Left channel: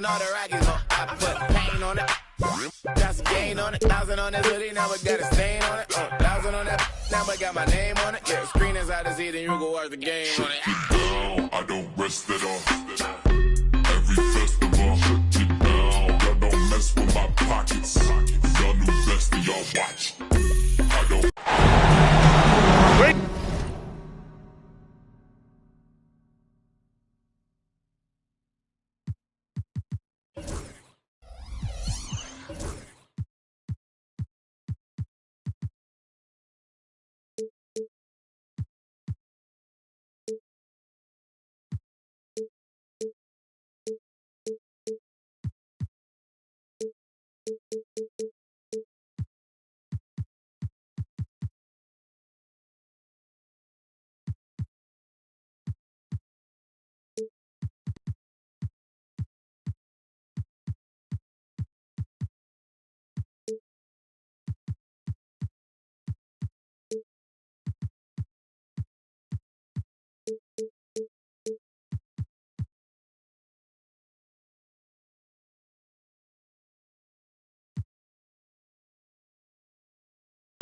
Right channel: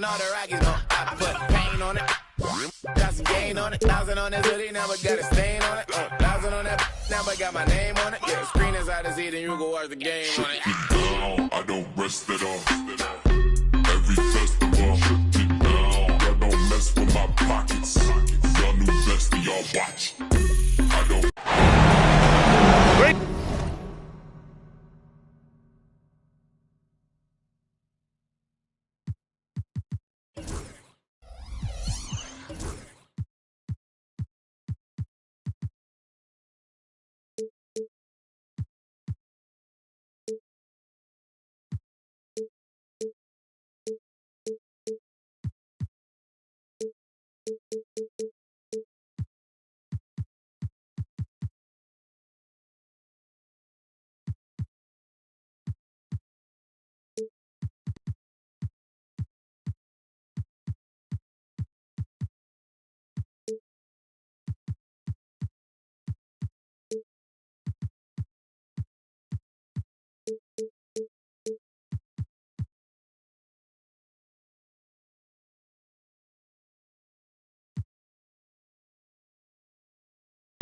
and all the rackets on. I put paint on it. Got some gain on it. 1,000 on this hoodie, never got a stain on it. 1,000 on that, never got my name on it. Yeah, screen is out of seat and you go watch the game on it. Down, I don't rest it off. Every festival, shut it down. I don't mess with my pockets. Y'all new best and y'all watch. I don't. Great.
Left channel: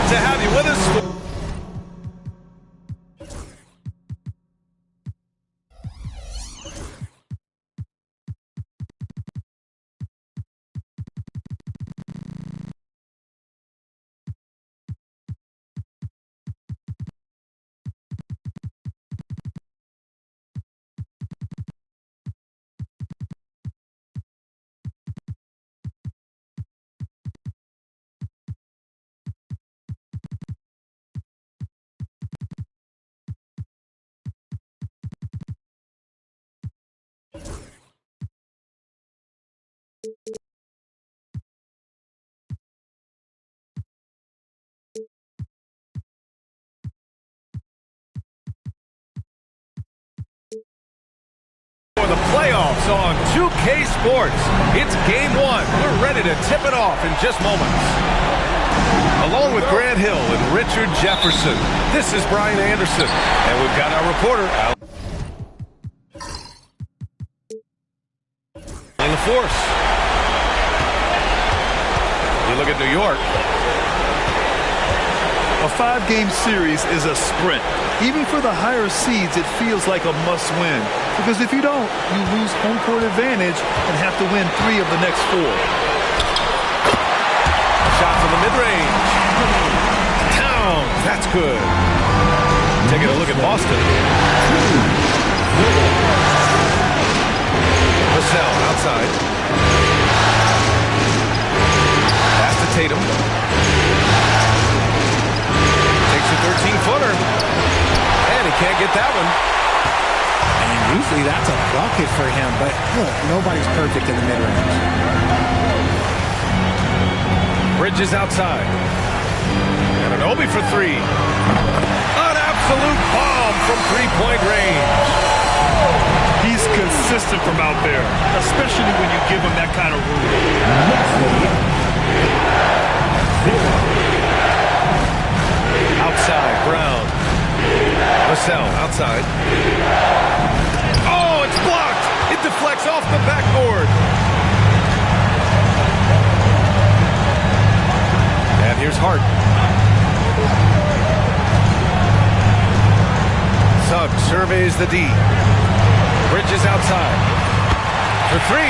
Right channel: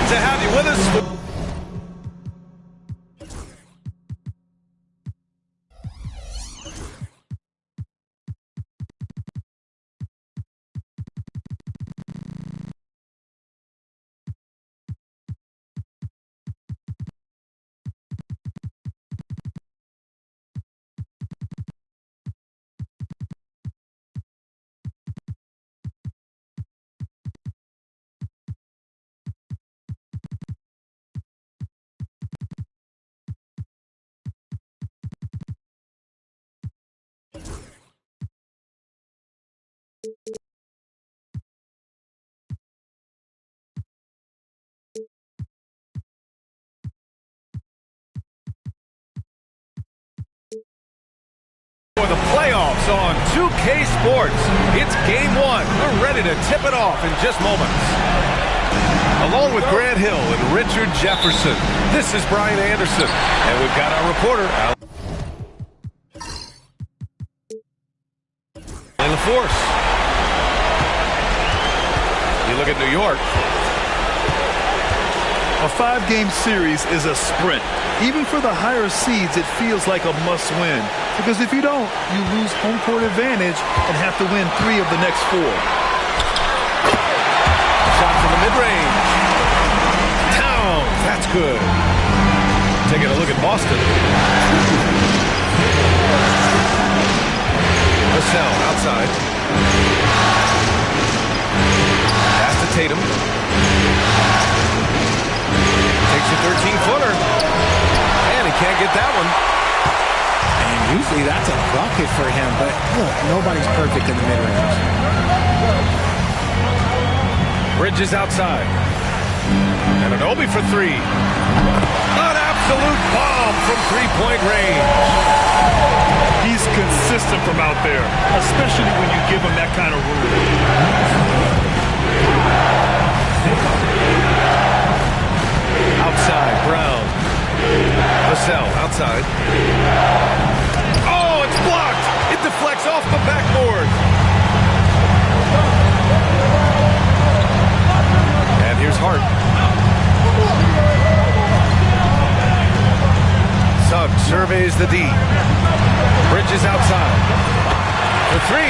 To have you with us. For the playoffs on 2K Sports. It's game one. We're ready to tip it off in just moments. Along with Grant Hill and Richard Jefferson, this is Brian Anderson. And we've got our reporter, Al. Playing the force. You look at New York. A 5-game series is a sprint. Even for the higher seeds, it feels like a must-win. Because if you don't, you lose home court advantage and have to win 3 of the next 4. Shot from the mid-range. Towns, that's good. Taking a look at Boston. Vassell outside. Pass to Tatum. Takes a 13-footer. And he can't get that one. And usually that's a bucket for him, but look, nobody's perfect in the mid-range. Bridges outside. And an Obi for 3. An absolute bomb from three-point range. He's consistent from out there, especially when you give him that kind of room. Outside, Brown. Vassell outside. Oh, it's blocked. It deflects off the backboard. And here's Hart. Suggs surveys the D. Bridges outside. For 3.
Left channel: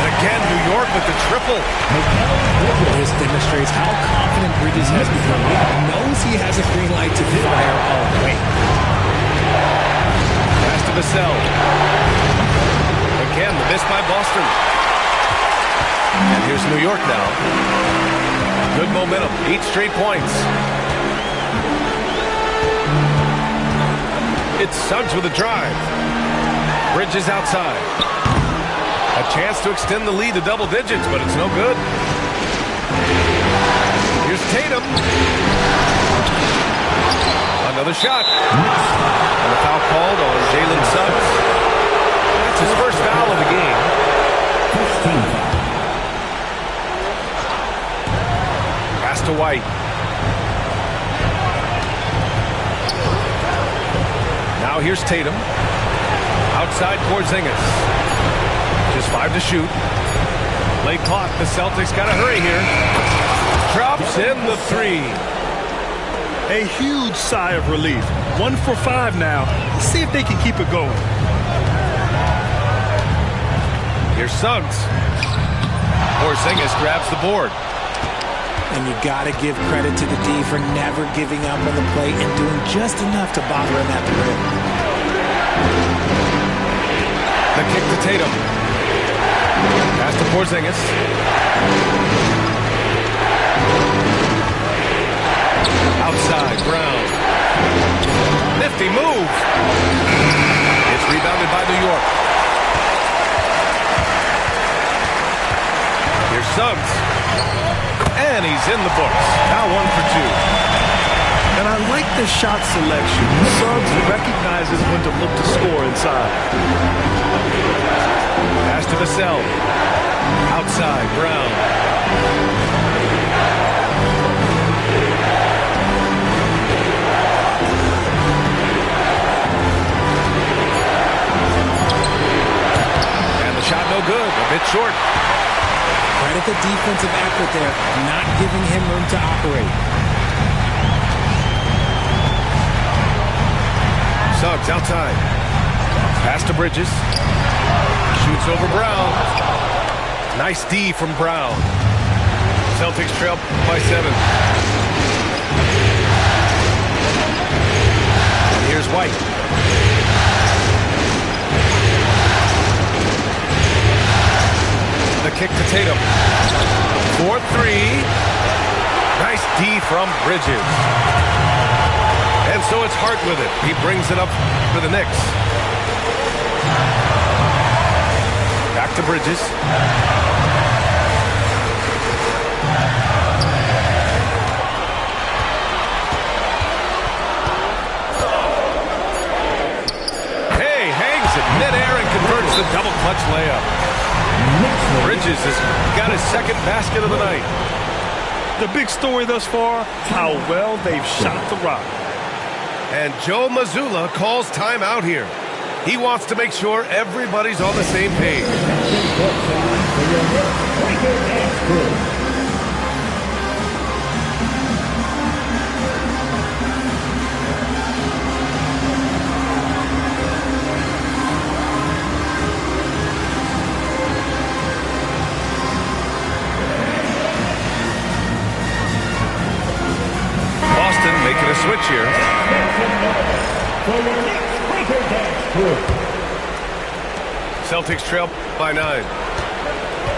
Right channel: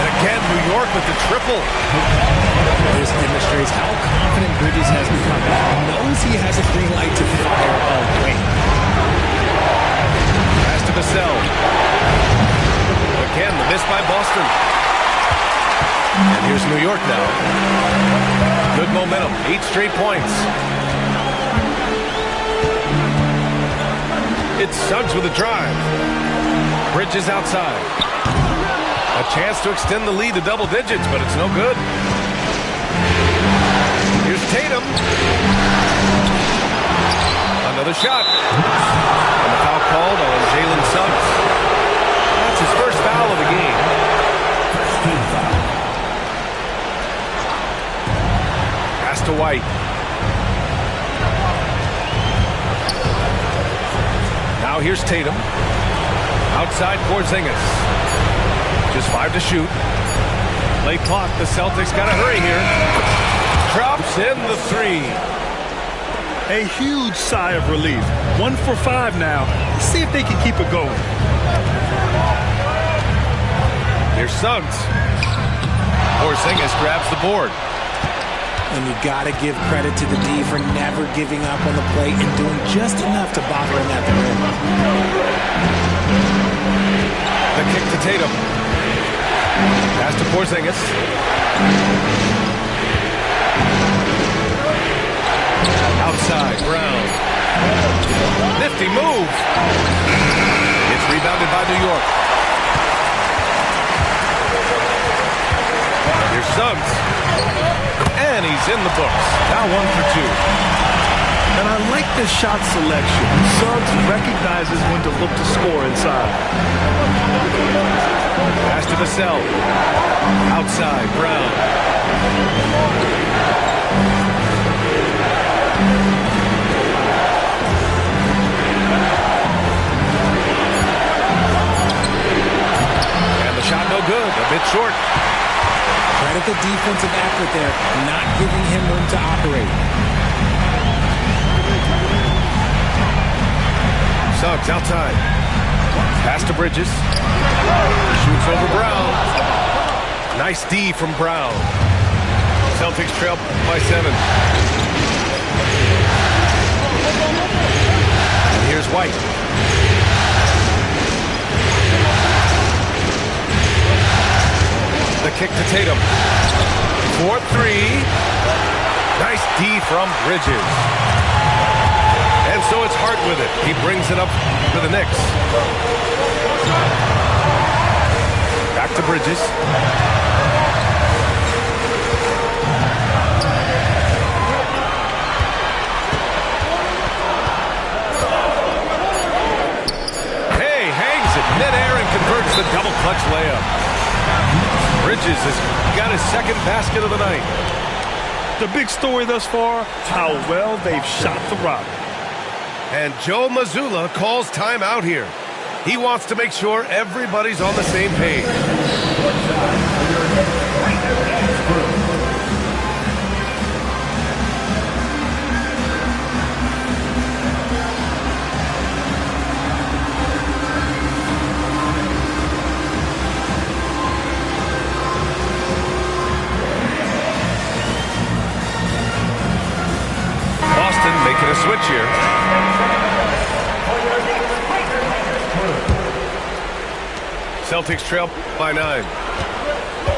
And again, New York with the triple. This demonstrates how confident Bridges has become. He knows he has a green light to fire away. Pass to Vassell. Again, the miss by Boston. And here's New York now. Good momentum. 8 straight points. It's Suggs with a drive. Bridges outside. A chance to extend the lead to double digits, but it's no good. Here's Tatum. Another shot. And a foul called on Jalen Suggs. That's his first foul of the game. First team foul. Pass to White. Now here's Tatum. Outside Porzingis. Just 5 to shoot. Late clock. The Celtics got to hurry here. Drops in the 3. A huge sigh of relief. 1 for 5 now. Let's see if they can keep it going. Here's Suggs. Porzingis grabs the board. And you got to give credit to the D for never giving up on the play and doing just enough to bother him at the rim. The kick to Tatum. Pass to Porzingis. Outside, Brown. Nifty move. It's rebounded by New York. Here's Suggs. And he's in the books. Now 1 for 2. And I like the shot selection. Suggs recognizes when to look to score inside. Pass to Vassell. Outside, Brown. And the shot no good. A bit short. Credit the defensive effort there, not giving him room to operate. Suggs outside. Pass to Bridges. Shoots over Brown. Nice D from Brown. Celtics trail by 7. And here's White. The kick to Tatum. 4-3. Nice D from Bridges. And so it's Hart with it. He brings it up for the Knicks. Back to Bridges. Hey, hangs it midair and converts the double clutch layup. Bridges has got his second basket of the night. The big story thus far, how well they've shot the rock. And Joe Mazzulla calls timeout here. He wants to make sure everybody's on the same page. Boston making a switch here. Celtics trail by 9.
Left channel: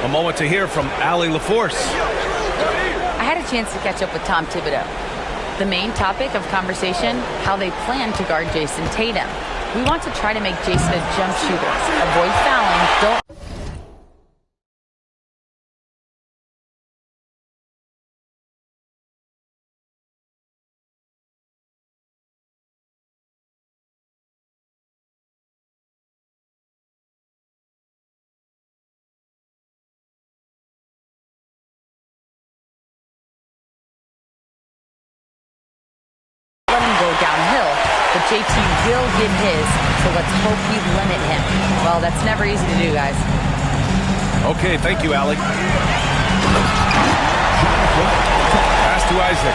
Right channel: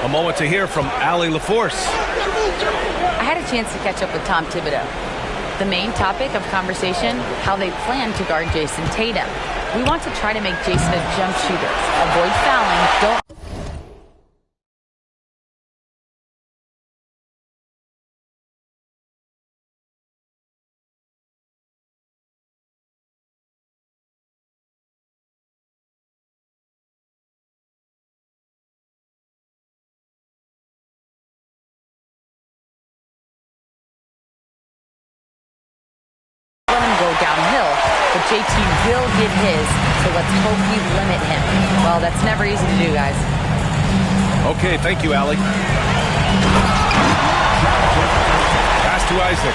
A moment to hear from Allie LaForce. I had a chance to catch up with Tom Thibodeau. The main topic of conversation, how they plan to guard Jason Tatum. We want to try to make Jason a jump shooter. Avoid fouling, don't let him go downhill, but JT will get his, so let's hope we limit him. Well, that's never easy to do, guys. Okay, thank you, Allie. Pass to Isaac.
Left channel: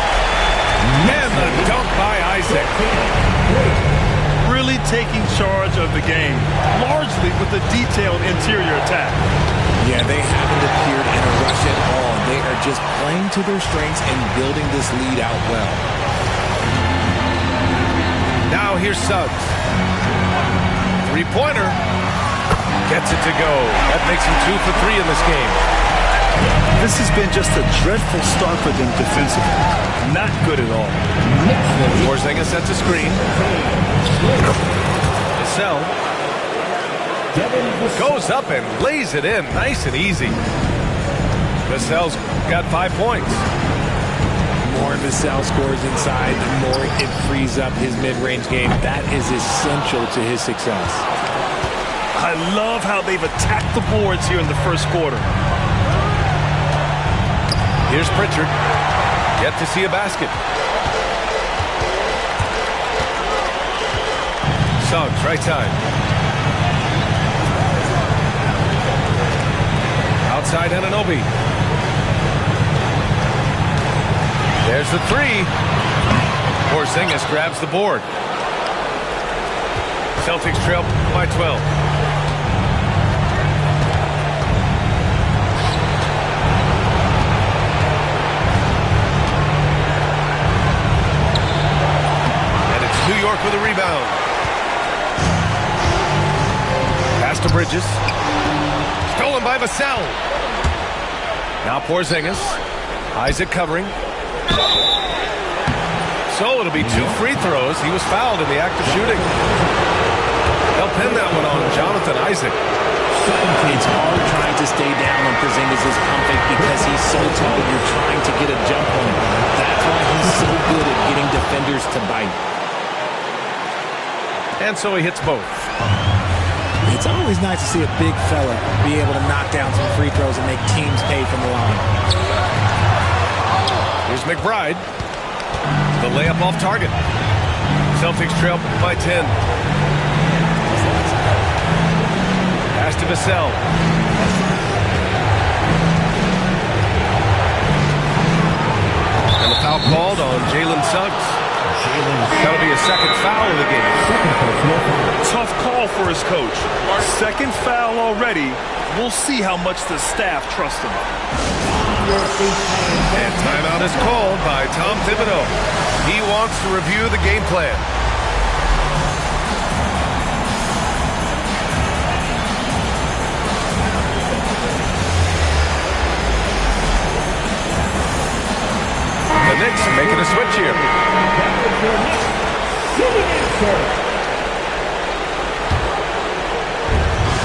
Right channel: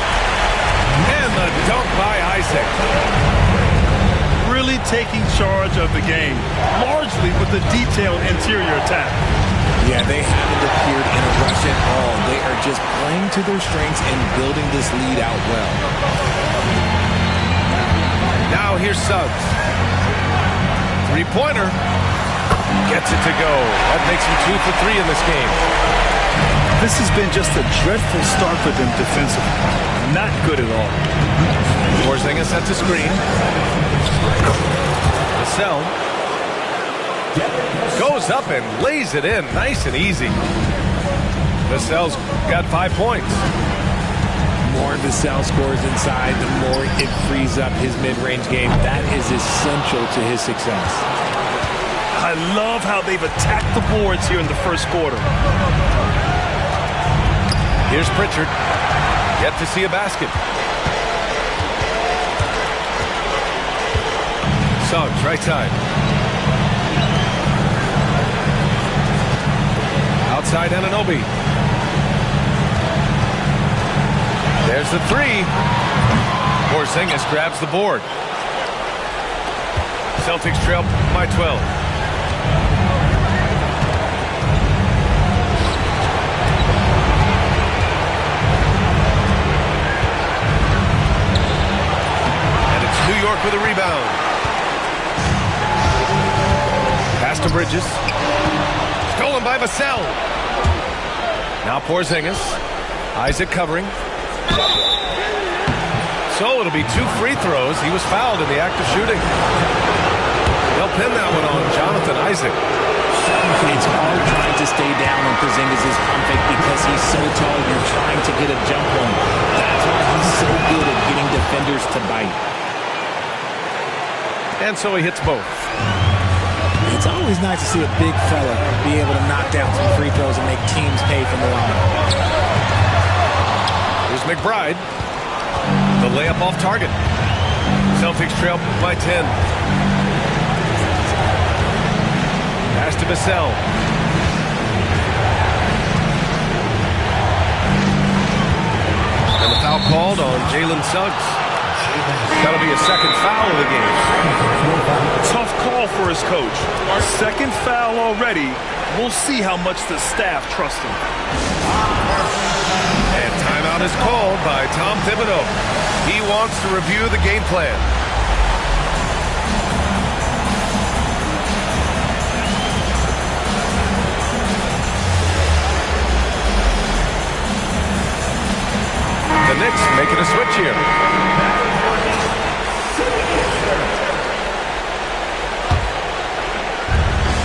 And the dunk by Isaac. Really taking charge of the game, largely with the detailed interior attack. Yeah, they haven't appeared in a rush at all. They are just playing to their strengths and building this lead out well. Now here's Suggs. Three-pointer. Gets it to go. That makes him 2 for 3 in this game. This has been just a dreadful start for them defensively. Not good at all. Porzingis sets a screen. Vassell goes up and lays it in nice and easy. Vassell's got 5 points. More Vassell scores inside, the more it frees up his mid-range game. That is essential to his success. I love how they've attacked the boards here in the first quarter. Here's Pritchard. Yet to see a basket. Suggs, right side. Outside Anunoby. There's the three. Porzingis grabs the board. Celtics trail by 12. And it's New York with a rebound. Pass to Bridges. Stolen by Vassell. Now Porzingis. Isaac covering. So it'll be 2 free throws. He was fouled in the act of shooting. They'll pin that one on Jonathan Isaac. It's hard trying to stay down on Porzingis' pump fake because he's so tall. You're trying to get a jump on him. That's why he's so good at getting defenders to bite. And so he hits both. It's always nice to see a big fella be able to knock down some free throws and make teams pay from the line. Here's McBride. The layup off target. Celtics trail by 10. Pass to Vassell. And the foul called on Jalen Suggs. That'll be a second foul of the game. Tough call for his coach. Our second foul already. We'll see how much the staff trusts him. And timeout is called by Tom Thibodeau. He wants to review the game plan. The Knicks making a switch here.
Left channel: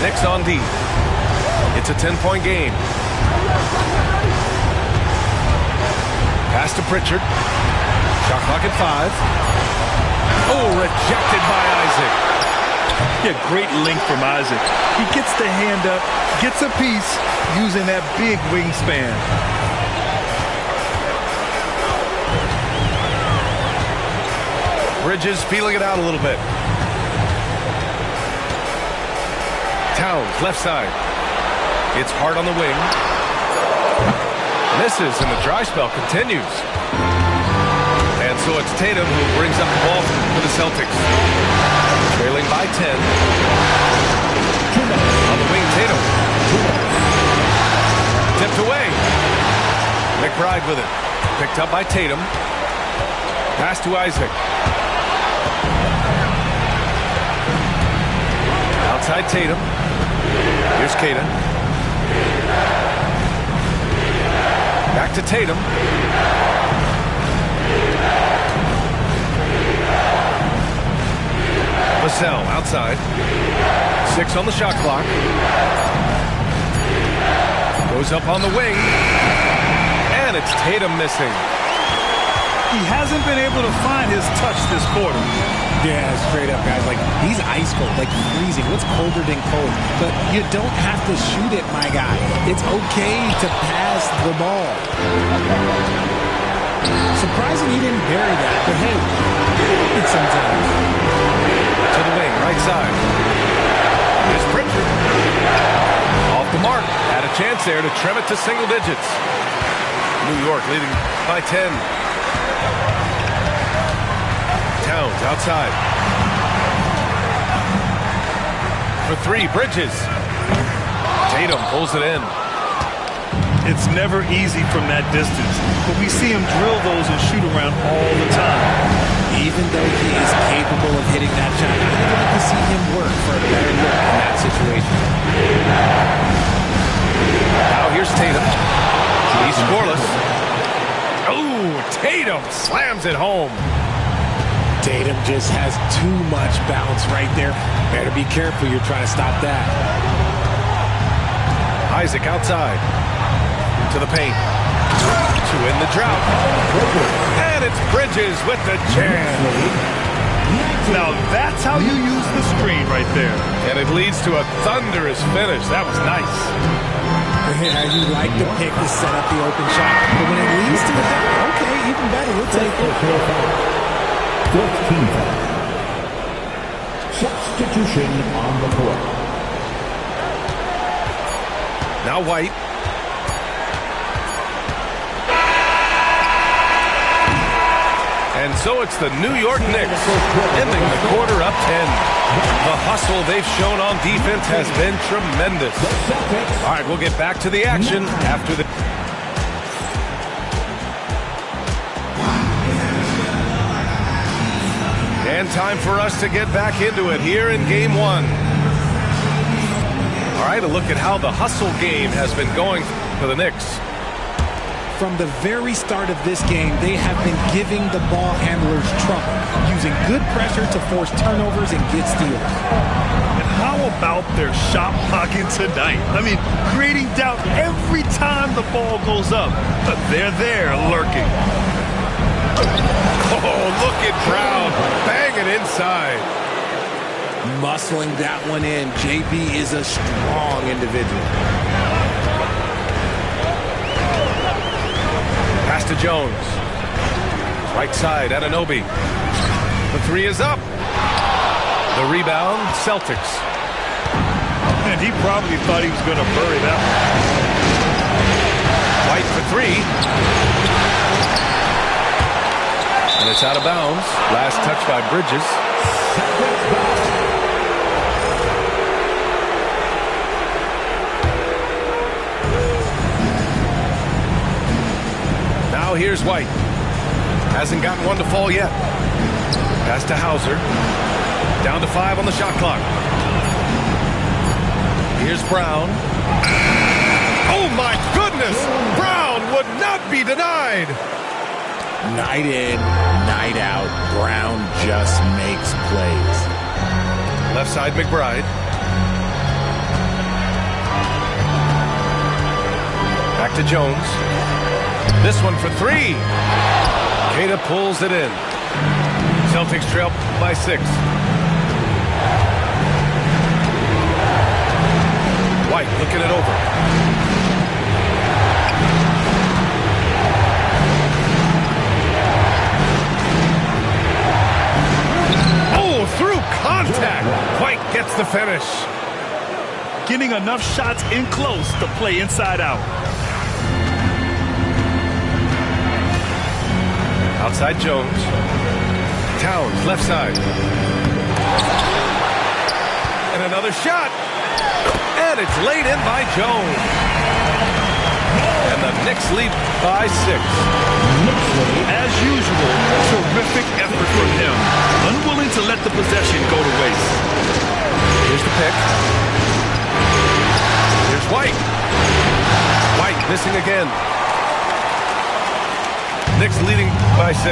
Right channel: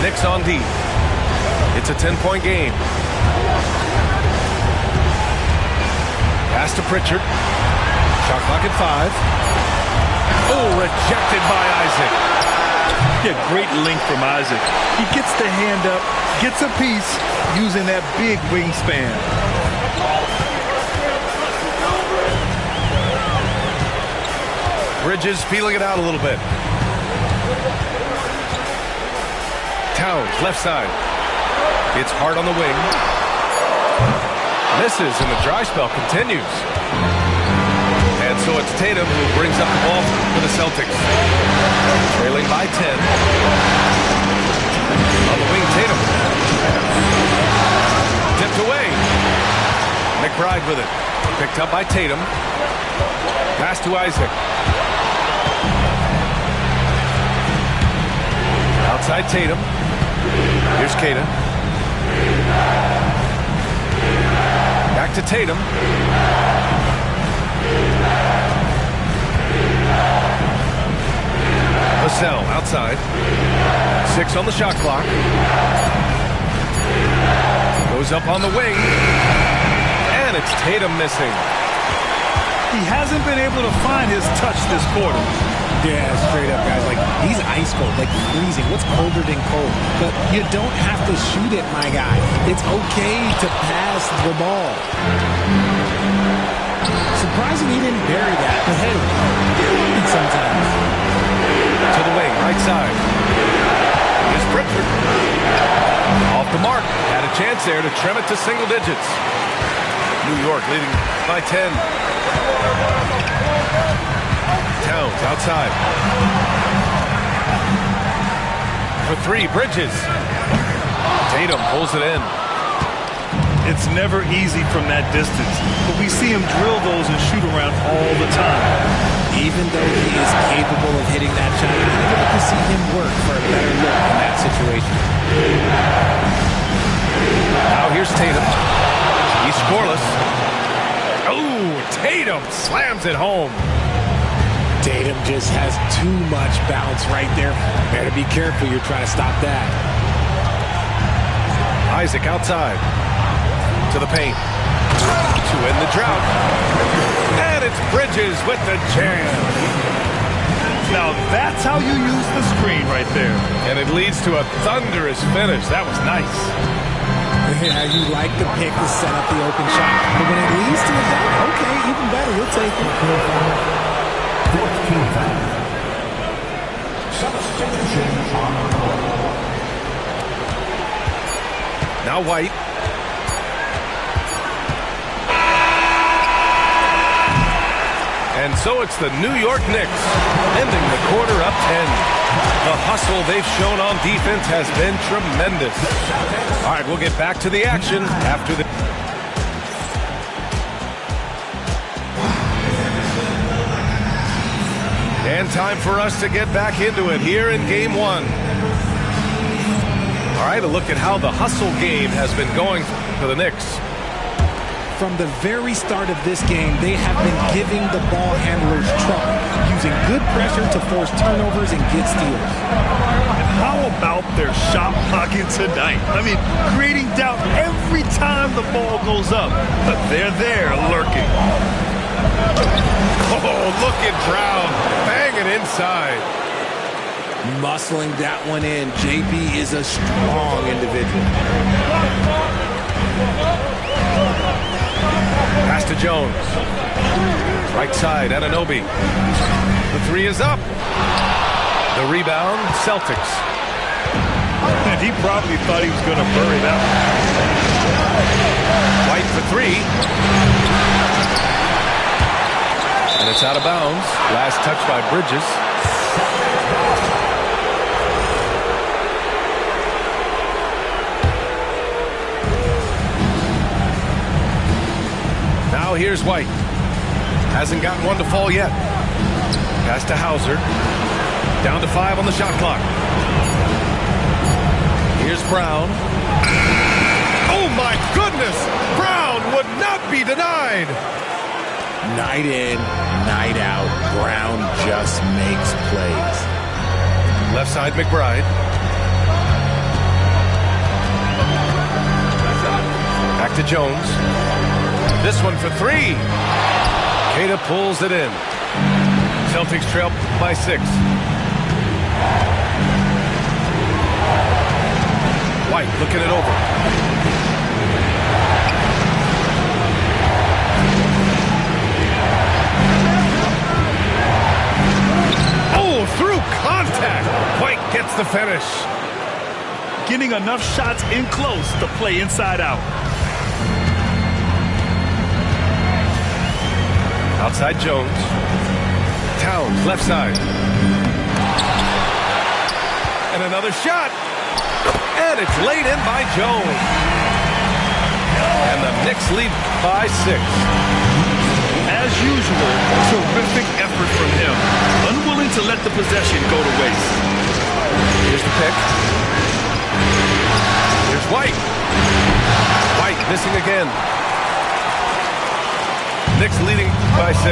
Knicks on D. It's a 10-point game. Pass to Pritchard. Shot clock at 5. Oh, rejected by Isaac. Yeah, great length from Isaac. He gets the hand up, gets a piece using that big wingspan. Bridges feeling it out a little bit. Towns, left side. It's hard on the wing. Misses, and the dry spell continues. And so it's Tatum who brings up the ball for the Celtics. Trailing by 10. On the wing, Tatum. Tipped away. McBride with it. Picked up by Tatum. Pass to Isaac. Outside Tatum. Here's Queta. Back to Tatum. Vassell outside. 6 on the shot clock. Goes up on the wing. And it's Tatum missing. He hasn't been able to find his touch this quarter. Yeah, straight up, guys. Like, he's ice cold, like freezing. What's colder than cold? But you don't have to shoot it, my guy. It's okay to pass the ball. Surprising he didn't bury that, but hey, it's sometimes. To the wing, right side. Here's Pritchard. Off the mark. Had a chance there to trim it to single digits. New York leading by 10. Towns outside. For 3, Bridges. Tatum pulls it in. It's never easy from that distance, but we see him drill those and shoot around all the time. Even though he is capable of hitting that shot, I'd like to see him work for a better look in that situation. Now here's Tatum. He's scoreless. Oh, Tatum slams it home. Tatum just has too much bounce right there. Better be careful. You're trying to stop that. Isaac outside. To the paint. To end the drought. And it's Bridges with the jam. Now that's how you use the screen right there. And it leads to a thunderous finish. That was nice. Yeah, you like the pick to set up the open shot. But when it leads to a dunk, okay, even better. You'll take it. 14th foul. Substitution on the court. Now White. And so it's the New York Knicks ending the quarter up 10. The hustle they've shown on defense has been tremendous. All right, we'll get back to the action after the... And time for us to get back into it here in Game 1. All right, a look at how the hustle game has been going for the Knicks. From the very start of this game, they have been giving the ball handlers trouble, using good pressure to force turnovers and get steals. And how about their shot blocking tonight? I mean, creating doubt every time the ball goes up. But they're there lurking. Oh, look at Brown banging inside. Muscling that one in. JB is a strong individual. Pass to Jones. Right side, Anunoby. The three is up. The rebound, Celtics. And he probably thought he was going to bury that one. White for three. And it's out of bounds. Last touch by Bridges. Now here's White. Hasn't gotten one to fall yet. Pass to Hauser. Down to 5 on the shot clock. Here's Brown. Oh my goodness! Brown would not be denied. Night in, night out, Brown just makes plays. Left side, McBride. Back to Jones. This one for three. Queta pulls it in. Celtics trail by 6. White looking it over. Oh, through contact. White gets the finish. Getting enough shots in close to play inside out. Outside Jones. Towns, left side. And another shot. And it's laid in by Jones. And the Knicks lead by 6. As usual, terrific effort from him. Unwilling to let the possession go to waste. Here's the pick. Here's White. White missing again. Knicks leading by 6.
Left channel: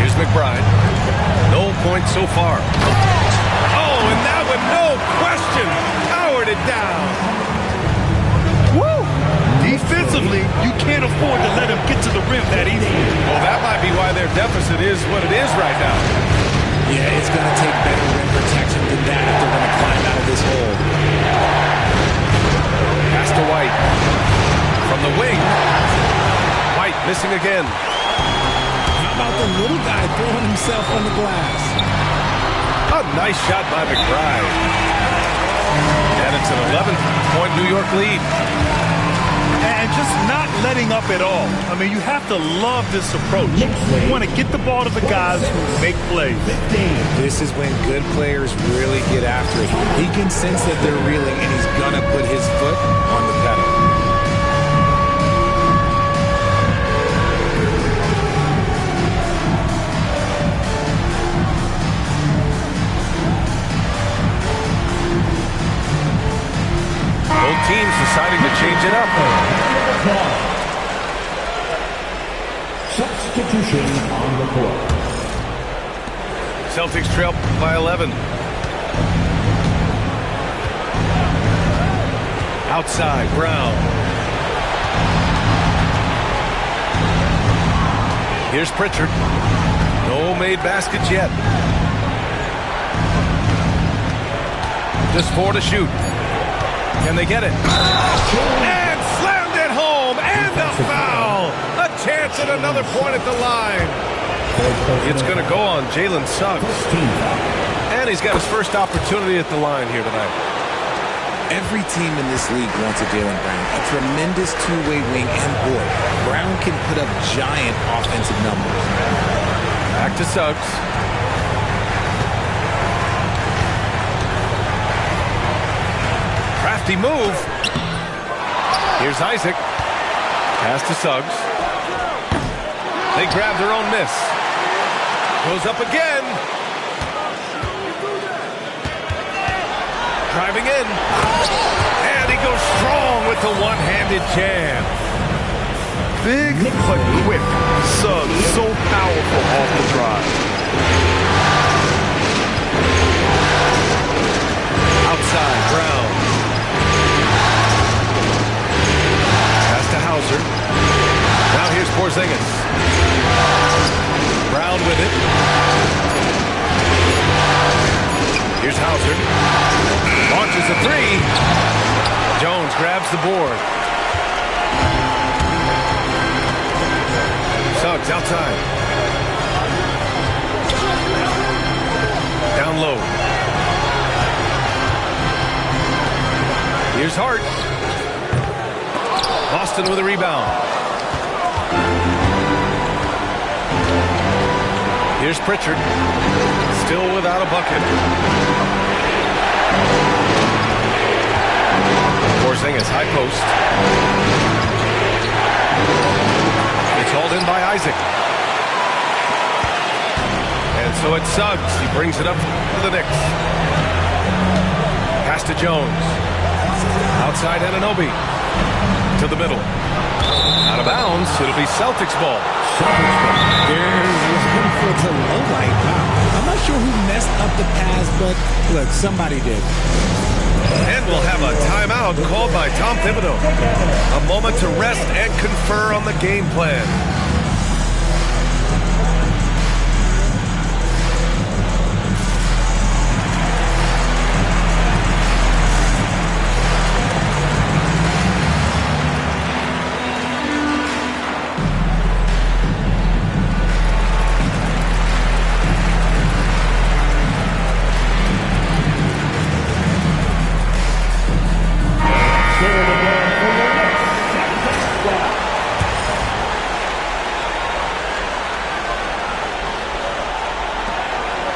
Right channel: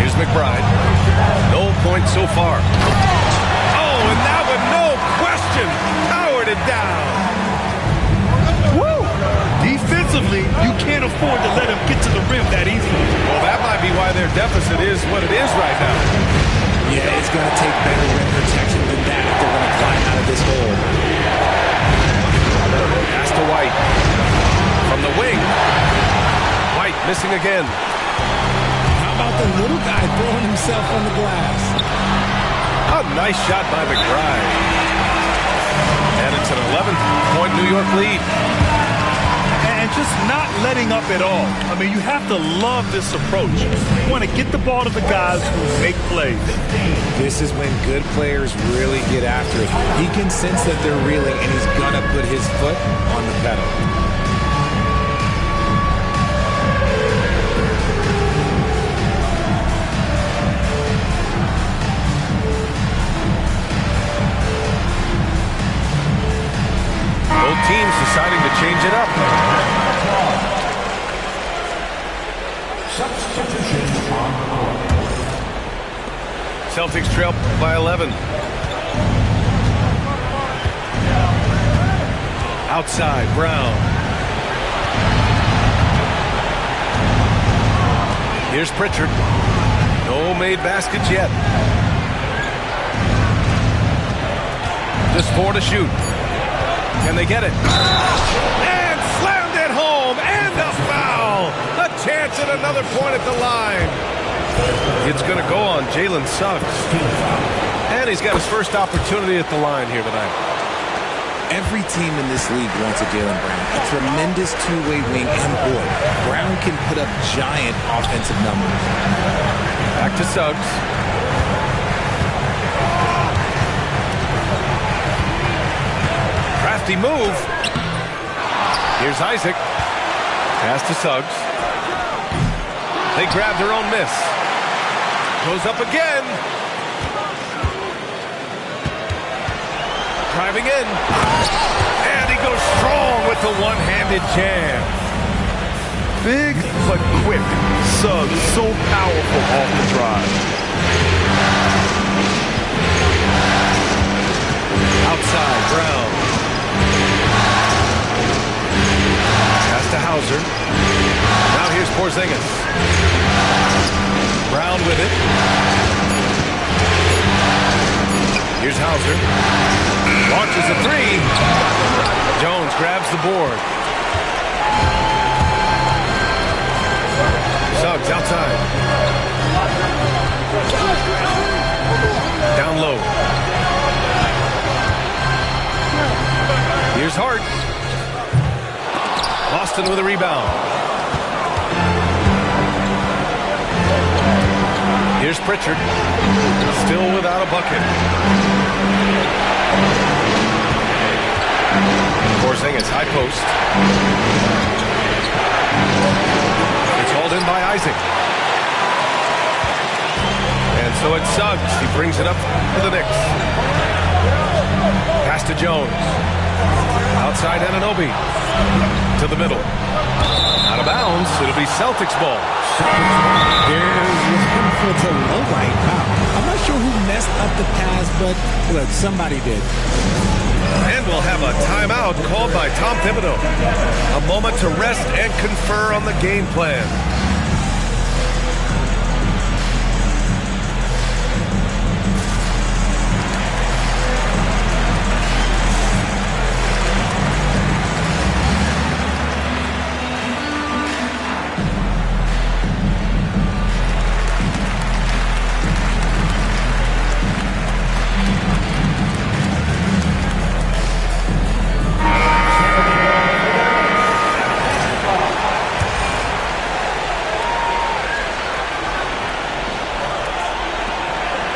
Here's McBride. No points so far. Oh, and that one, no question, powered it down. Woo! Defensively, you can't afford to let him get to the rim that easy. Well, that might be why their deficit is what it is right now. Yeah, it's going to take better rim protection than that if they're going to climb out of this hole. Pass to White. From the wing. White missing again. How about the little guy throwing himself on the glass? A nice shot by McBride. And it's an 11-point New York lead. And just not letting up at all. I mean, you have to love this approach. You want to get the ball to the guys who make plays. This is when good players really get after it. He can sense that they're reeling, and he's going to put his foot on the pedal. Both teams deciding to change it up. Substitution on the court. Celtics trail by 11. Outside, Brown. Here's Pritchard. No made baskets yet. Just 4 to shoot. Can they get it? And slammed it home. And a foul. A chance at another point at the line. It's going to go on Jalen Suggs. And he's got his first opportunity at the line here tonight. Every team in this league wants a Jaylen Brown, a tremendous two-way wing, and boy, Brown can put up giant offensive numbers. Back to Suggs. Crafty move. Here's Isaac. Pass to Suggs. They grab their own miss. Goes up again. Driving in. And he goes strong with the one-handed jam. Big but quick. Suggs so powerful off the drive. Outside, Brown. Pass to Hauser. Now here's Porzingis. Brown with it. Here's Hauser. Launches a three. Jones grabs the board. Suggs outside. Down low. Here's Hart. Boston with a rebound. Here's Pritchard. Still without a bucket. Porzingis, high post. It's hauled in by Isaac. And so it's Suggs. He brings it up to the Knicks. Pass to Jones. Outside Anunoby. To the middle. Out of bounds. It'll be Celtics ball. There's one for the low light. Wow. I'm not sure who messed up the pass, but look, somebody did. And we'll have a timeout called by Tom Thibodeau. A moment to rest and confer on the game plan.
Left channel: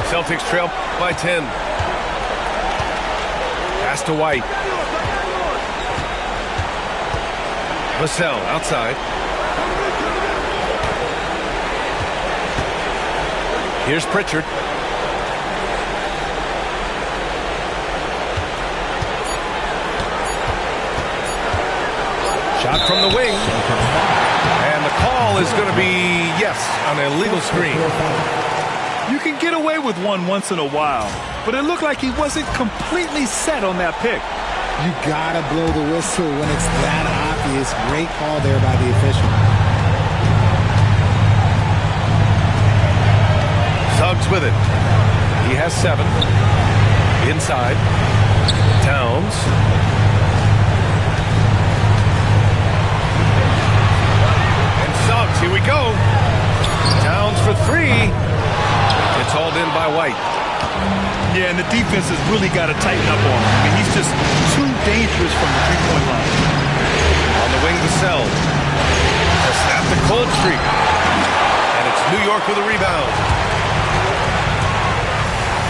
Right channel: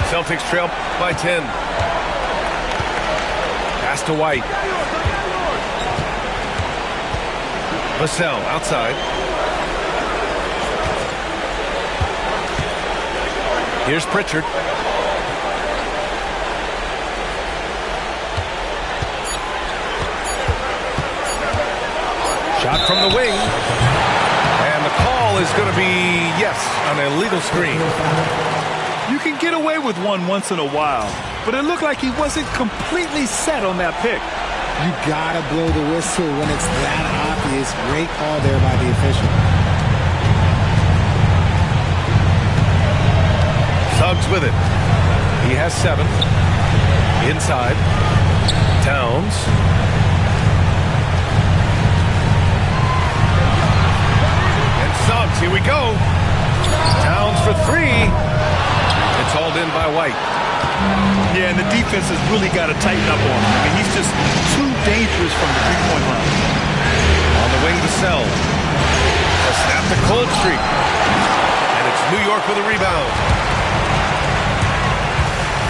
Celtics trail by 10. Pass to White. Vassell outside. Here's Pritchard. Shot from the wing. And the call is going to be, yes, an illegal screen. You can get away with one once in a while, but it looked like he wasn't completely set on that pick. You gotta blow the whistle when it's that obvious. Great call there by the official. Suggs with it. He has 7. Inside. Towns. And Suggs, here we go. Towns for 3. It's hauled in by White. Yeah, and the defense has really got to tighten up on him. I mean, he's just too dangerous from the three-point line. On the wing, Vassell. To snap the cold streak. And it's New York with a rebound.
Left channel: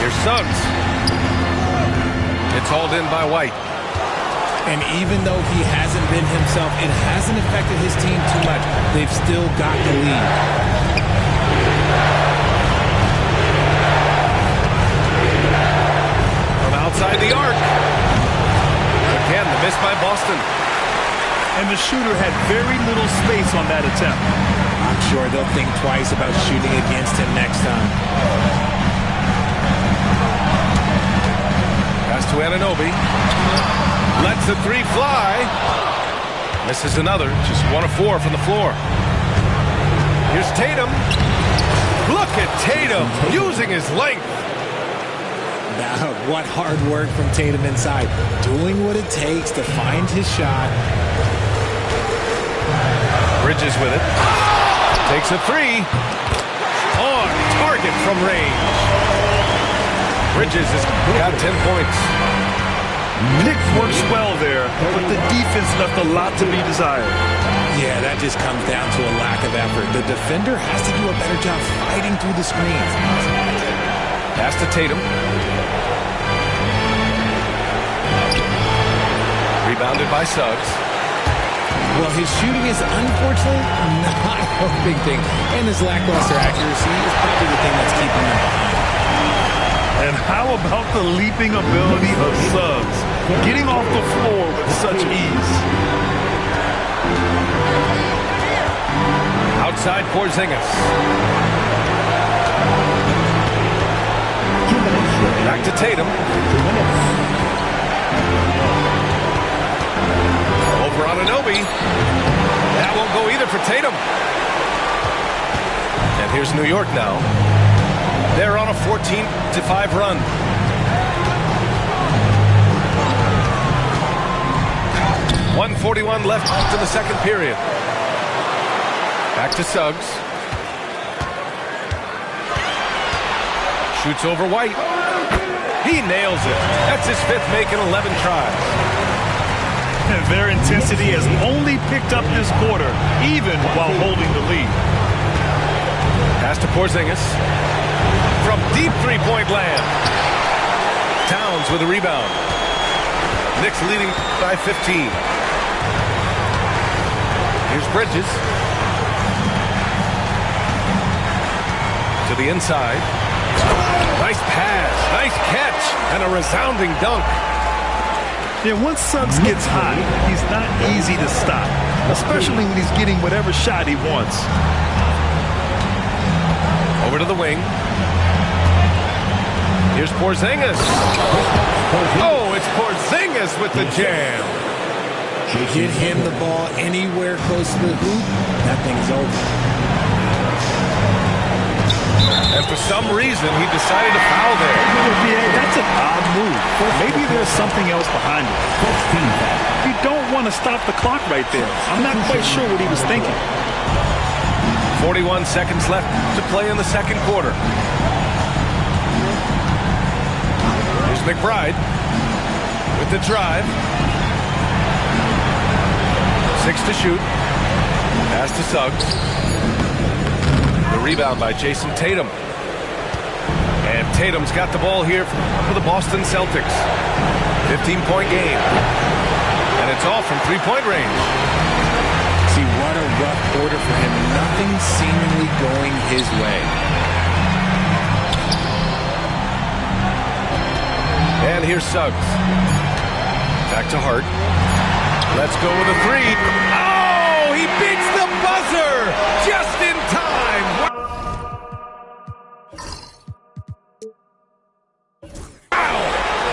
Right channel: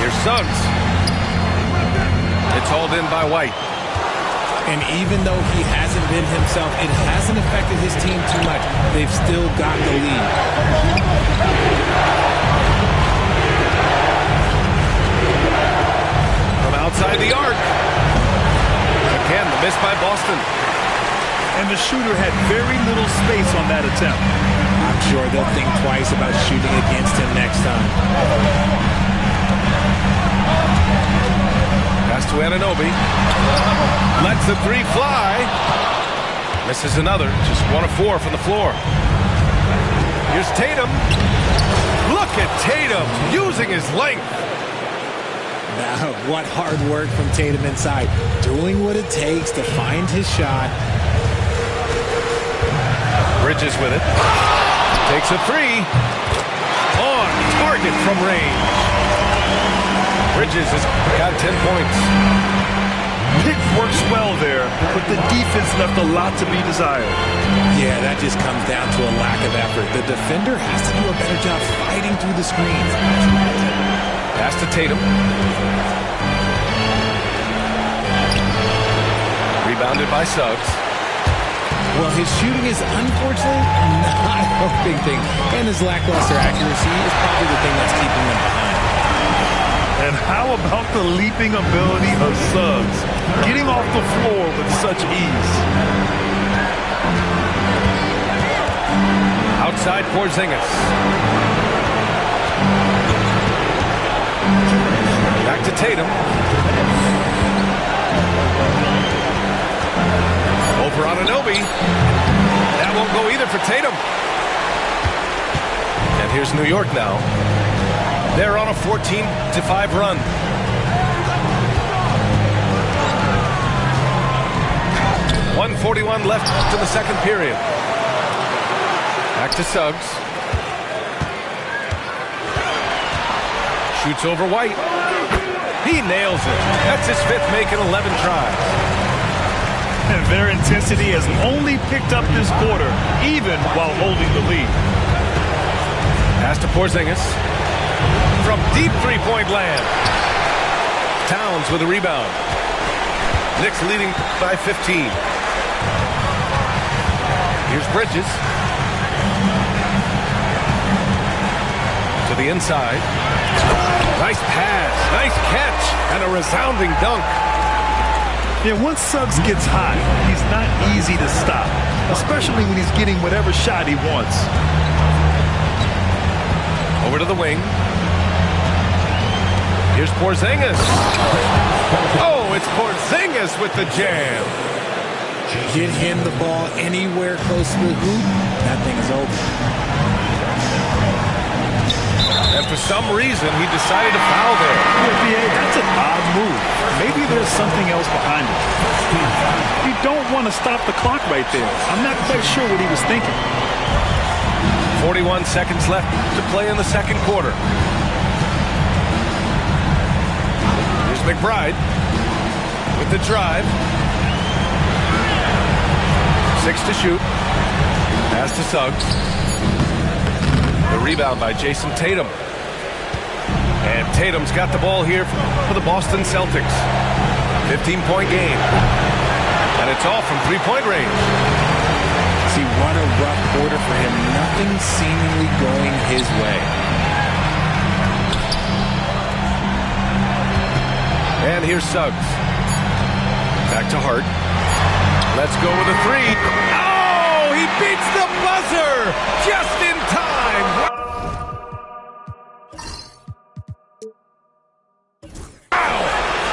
Here's Suggs. It's hauled in by White. And even though he hasn't been himself, it hasn't affected his team too much. They've still got the lead. Outside the arc. Again, the miss by Boston. And the shooter had very little space on that attempt. I'm sure they'll think twice about shooting against him next time. Pass to Anunoby. Lets the 3 fly. Misses another. Just 1 of 4 from the floor. Here's Tatum. Look at Tatum using his length. What hard work from Tatum inside. Doing what it takes to find his shot. Bridges with it. Takes a 3. On target from range. Bridges has got 10 points. Pick works well there, but the defense left a lot to be desired. Yeah, that just comes down to a lack of effort. The defender has to do a better job fighting through the screens. Pass to Tatum. Rebounded by Suggs. Well, his shooting is unfortunately not helping things, and his lackluster accuracy is probably the thing that's keeping them behind. And how about the leaping ability of Suggs, getting off the floor with such ease? Outside Porzingis. Back to Tatum. Over Anunoby. That won't go either for Tatum. And here's New York now. They're on a 14-5 run. .141 left in the second period. Back to Suggs. Shoots over White. He nails it. That's his fifth make in 11 tries. And their intensity has only picked up this quarter, even while holding the lead. Pass to Porzingis. From deep three-point land. Towns with a rebound. Knicks leading by 15. Here's Bridges. To the inside. Nice pass, nice catch, and a resounding dunk. Yeah, once Suggs gets hot, he's not easy to stop, especially when he's getting whatever shot he wants. Over to the wing. Here's Porzingis. Oh, it's Porzingis with the jam. Get him the ball anywhere close to the hoop, that thing's over. And for some reason, he decided to foul there. Yeah, B.A., that's an odd move. Maybe there's something else behind it. You don't want to stop the clock right there. I'm not quite sure what he was thinking. 41 seconds left to play in the second quarter. Here's McBride with the drive. 6 to shoot. Pass to Suggs. The rebound by Jason Tatum. And Tatum's got the ball here for the Boston Celtics. 15-point game. And it's all from three-point range. See, what a rough quarter for him. Nothing seemingly going his way. And here's Suggs. Back to Hart. Let's go with a three. Oh, he beats the buzzer just in time.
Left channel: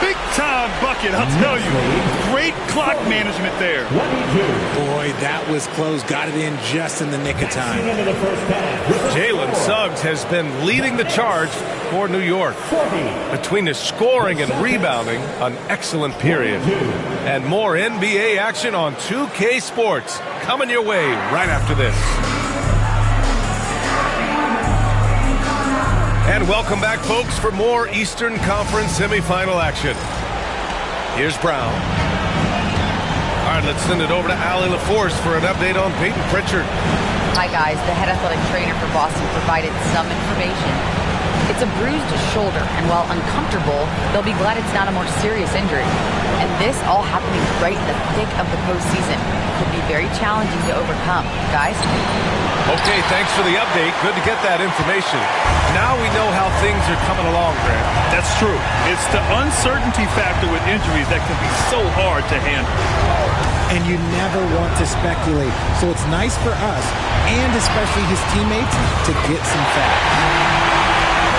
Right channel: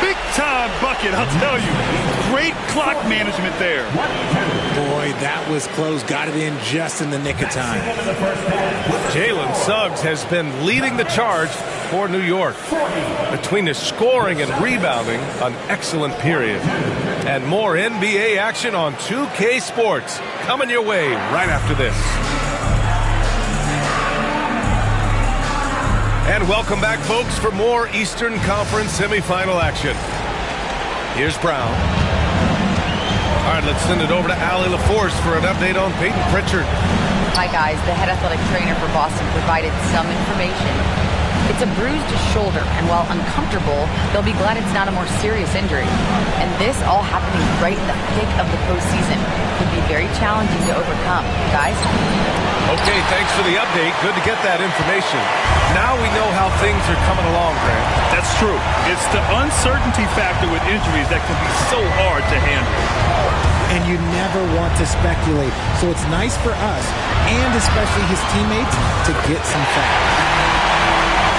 Big-time bucket, I'll tell you. Great clock management there. Boy, that was close. Got it in just in the nick of time. Jalen Suggs has been leading the charge for New York. Between his scoring and rebounding, an excellent period. And more NBA action on 2K Sports coming your way right after this. And welcome back, folks, for more Eastern Conference semifinal action. Here's Brown. All right, let's send it over to Allie LaForce for an update on Peyton Pritchard. Hi, guys. The head athletic trainer for Boston provided some information. It's a bruised shoulder, and while uncomfortable, they'll be glad it's not a more serious injury. And this all happening right in the thick of the postseason could be very challenging to overcome. Guys? Okay, thanks for the update. Good to get that information. Now we know how things are coming along, Grant. That's true. It's the uncertainty factor with injuries that can be so hard to handle. And you never want to speculate. So it's nice for us, and especially his teammates, to get some facts.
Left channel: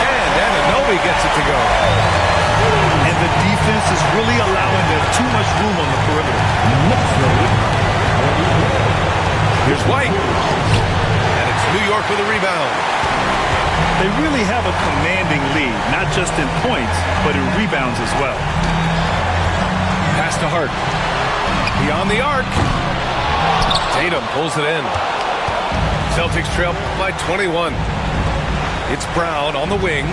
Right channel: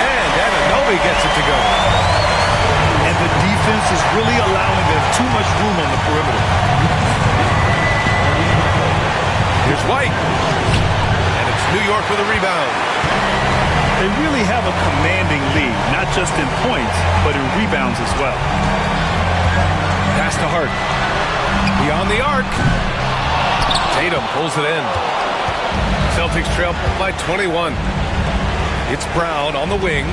And Anunoby gets it to go. And the defense is really allowing them too much room on the perimeter. Here's White. And it's New York with a rebound. They really have a commanding lead, not just in points, but in rebounds as well. Pass to Hart. Beyond the arc. Tatum pulls it in. Celtics trail by 21. It's Brown on the wing.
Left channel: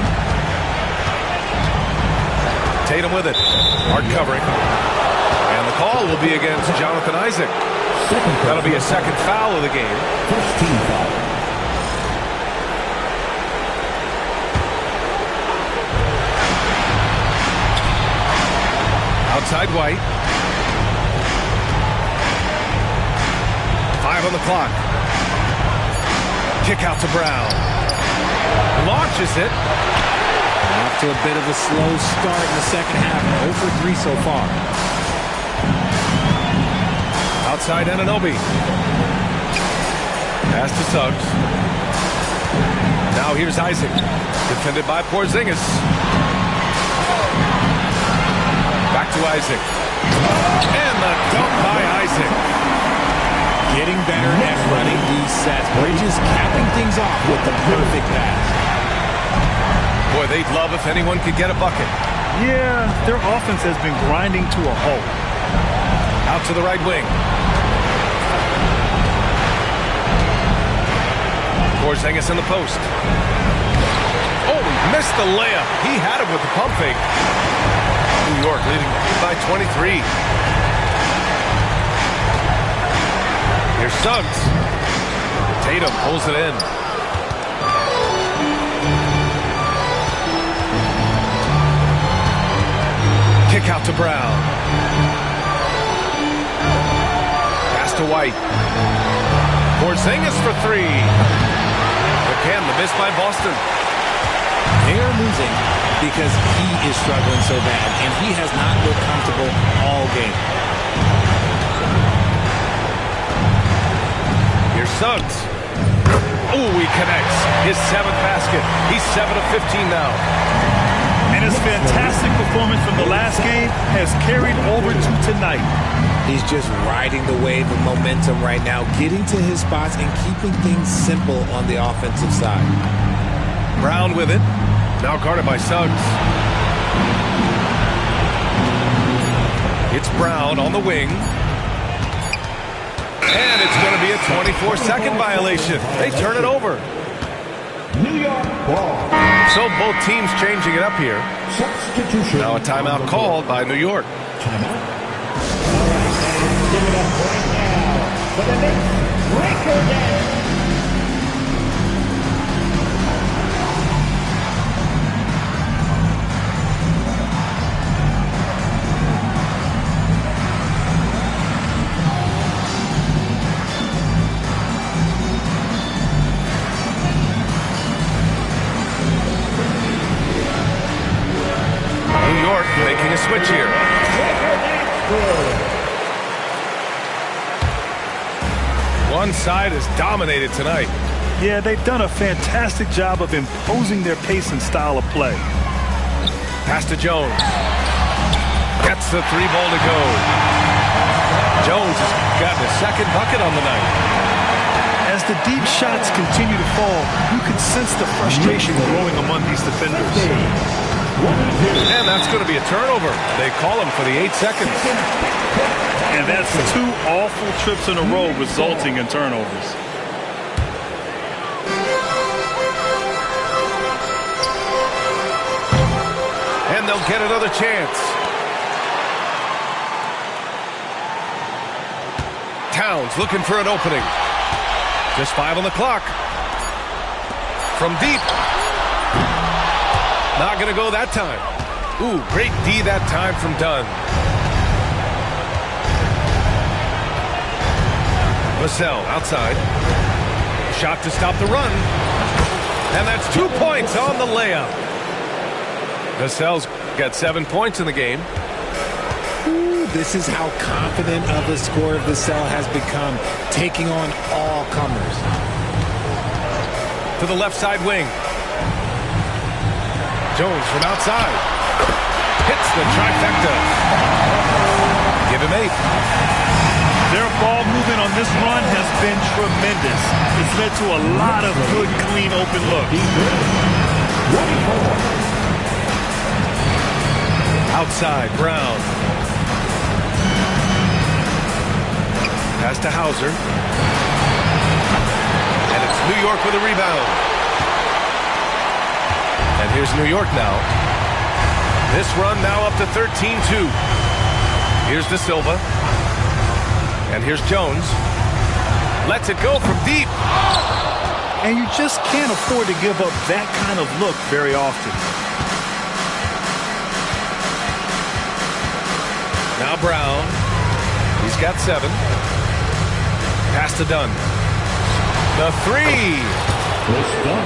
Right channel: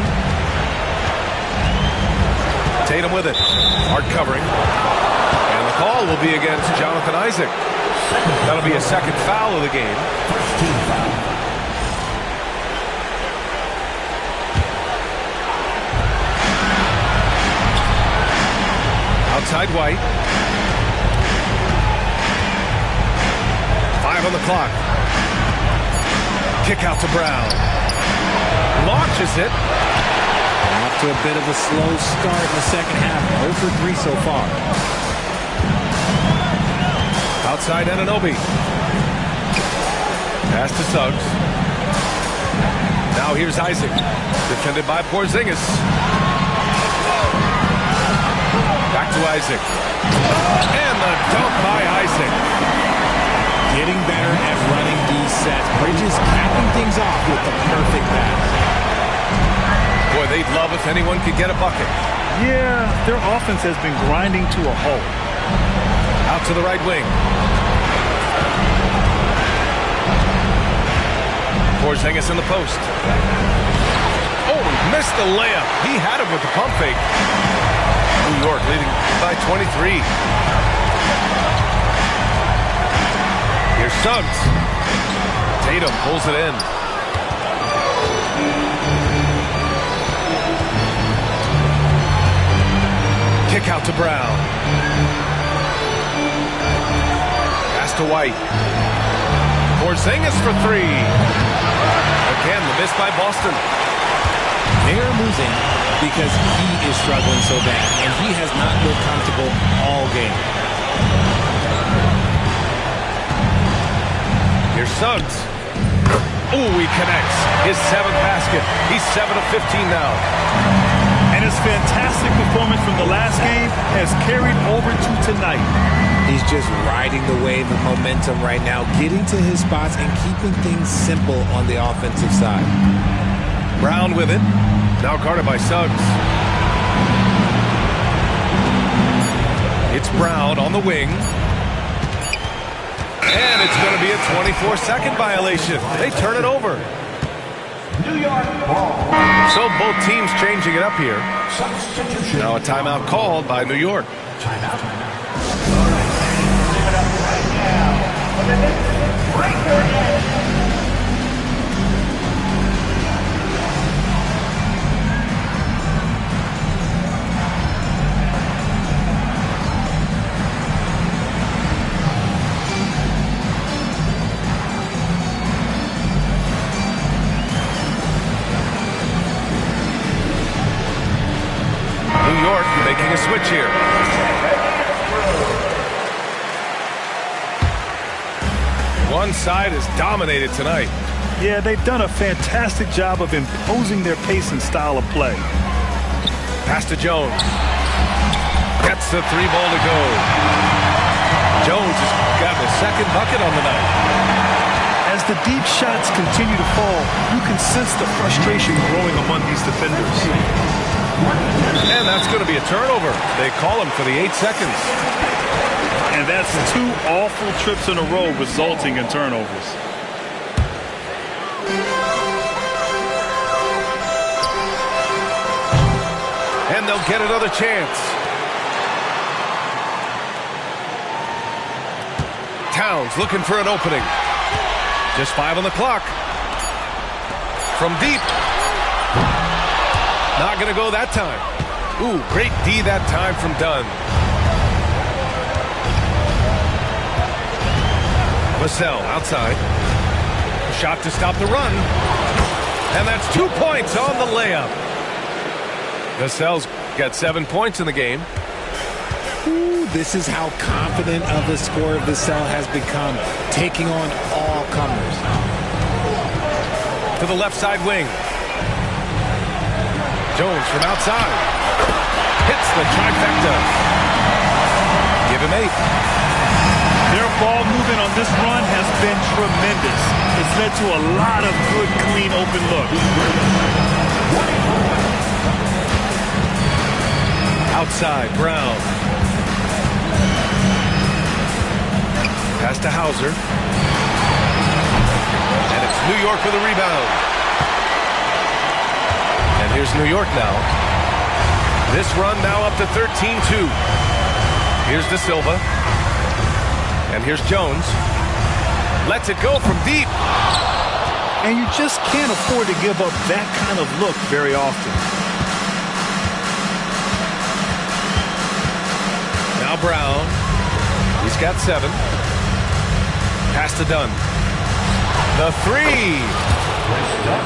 Tatum with it. Hart covering. And the call will be against Jonathan Isaac. That'll be a second foul of the game. First team foul. Outside White. 5 on the clock. Kick out to Brown. Launches it. Off to a bit of a slow start in the second half. 0 for 3 so far. Outside Anunoby. Pass to Suggs. Now here's Isaac. Defended by Porzingis. Back to Isaac. And the dunk by Isaac. Getting better at running these sets. Bridges capping things off with the perfect pass. Boy, they'd love if anyone could get a bucket. Yeah, their offense has been grinding to a halt. Out to the right wing. Porzingis in the post. Oh, he missed the layup. He had it with the pump fake. New York leading by 23. Here's Suggs. Tatum pulls it in. Kick out to Brown. Pass to White. Porzingis for 3. Again, the miss by Boston. They are losing because he is struggling so bad, and he has not looked comfortable all game. Here's Suggs. Oh, he connects. His 7th basket. He's 7 of 15 now. And his fantastic performance from the last game has carried over to tonight. He's just riding the wave of momentum right now, getting to his spots and keeping things simple on the offensive side. Brown with it. Now guarded by Suggs. It's Brown on the wing. And it's going to be a 24-second violation. They turn it over. New York ball. So both teams changing it up here. Substitution. Now a timeout called by New York. Timeout. Give it up right now for the Knicks. Breaker net. New York making a switch here. One side is dominated tonight. Yeah, they've done a fantastic job of imposing their pace and style of play. Pass to Jones. Gets the 3 ball to go. Jones has gotten his 2nd bucket on the night. As the deep shots continue to fall, you can sense the frustration growing among these defenders. And that's going to be a turnover. They call him for the 8 seconds. And that's 2 awful trips in a row resulting in turnovers. And they'll get another chance. Towns looking for an opening. Just 5 on the clock. From deep. Not going to go that time. Ooh, great D that time from Dunn. Vassell outside. A shot to stop the run. And that's 2 points on the layup. Vassell's got 7 points in the game. Ooh, this is how confident of a scorer Vassell has become, taking on all comers. To the left side wing. Jones from outside. Hits the trifecta. Give him 8. Their ball movement on this run has been tremendous. It's led to a lot of good, clean, open looks. Outside, Brown. Pass to Hauser. And it's New York with a rebound. And here's New York now. This run now up to 13-2. Here's De Silva. And here's Jones. Lets it go from deep. And you just can't afford to give up that kind of look very often. Now Brown. He's got 7. Pass to Dunn. The 3.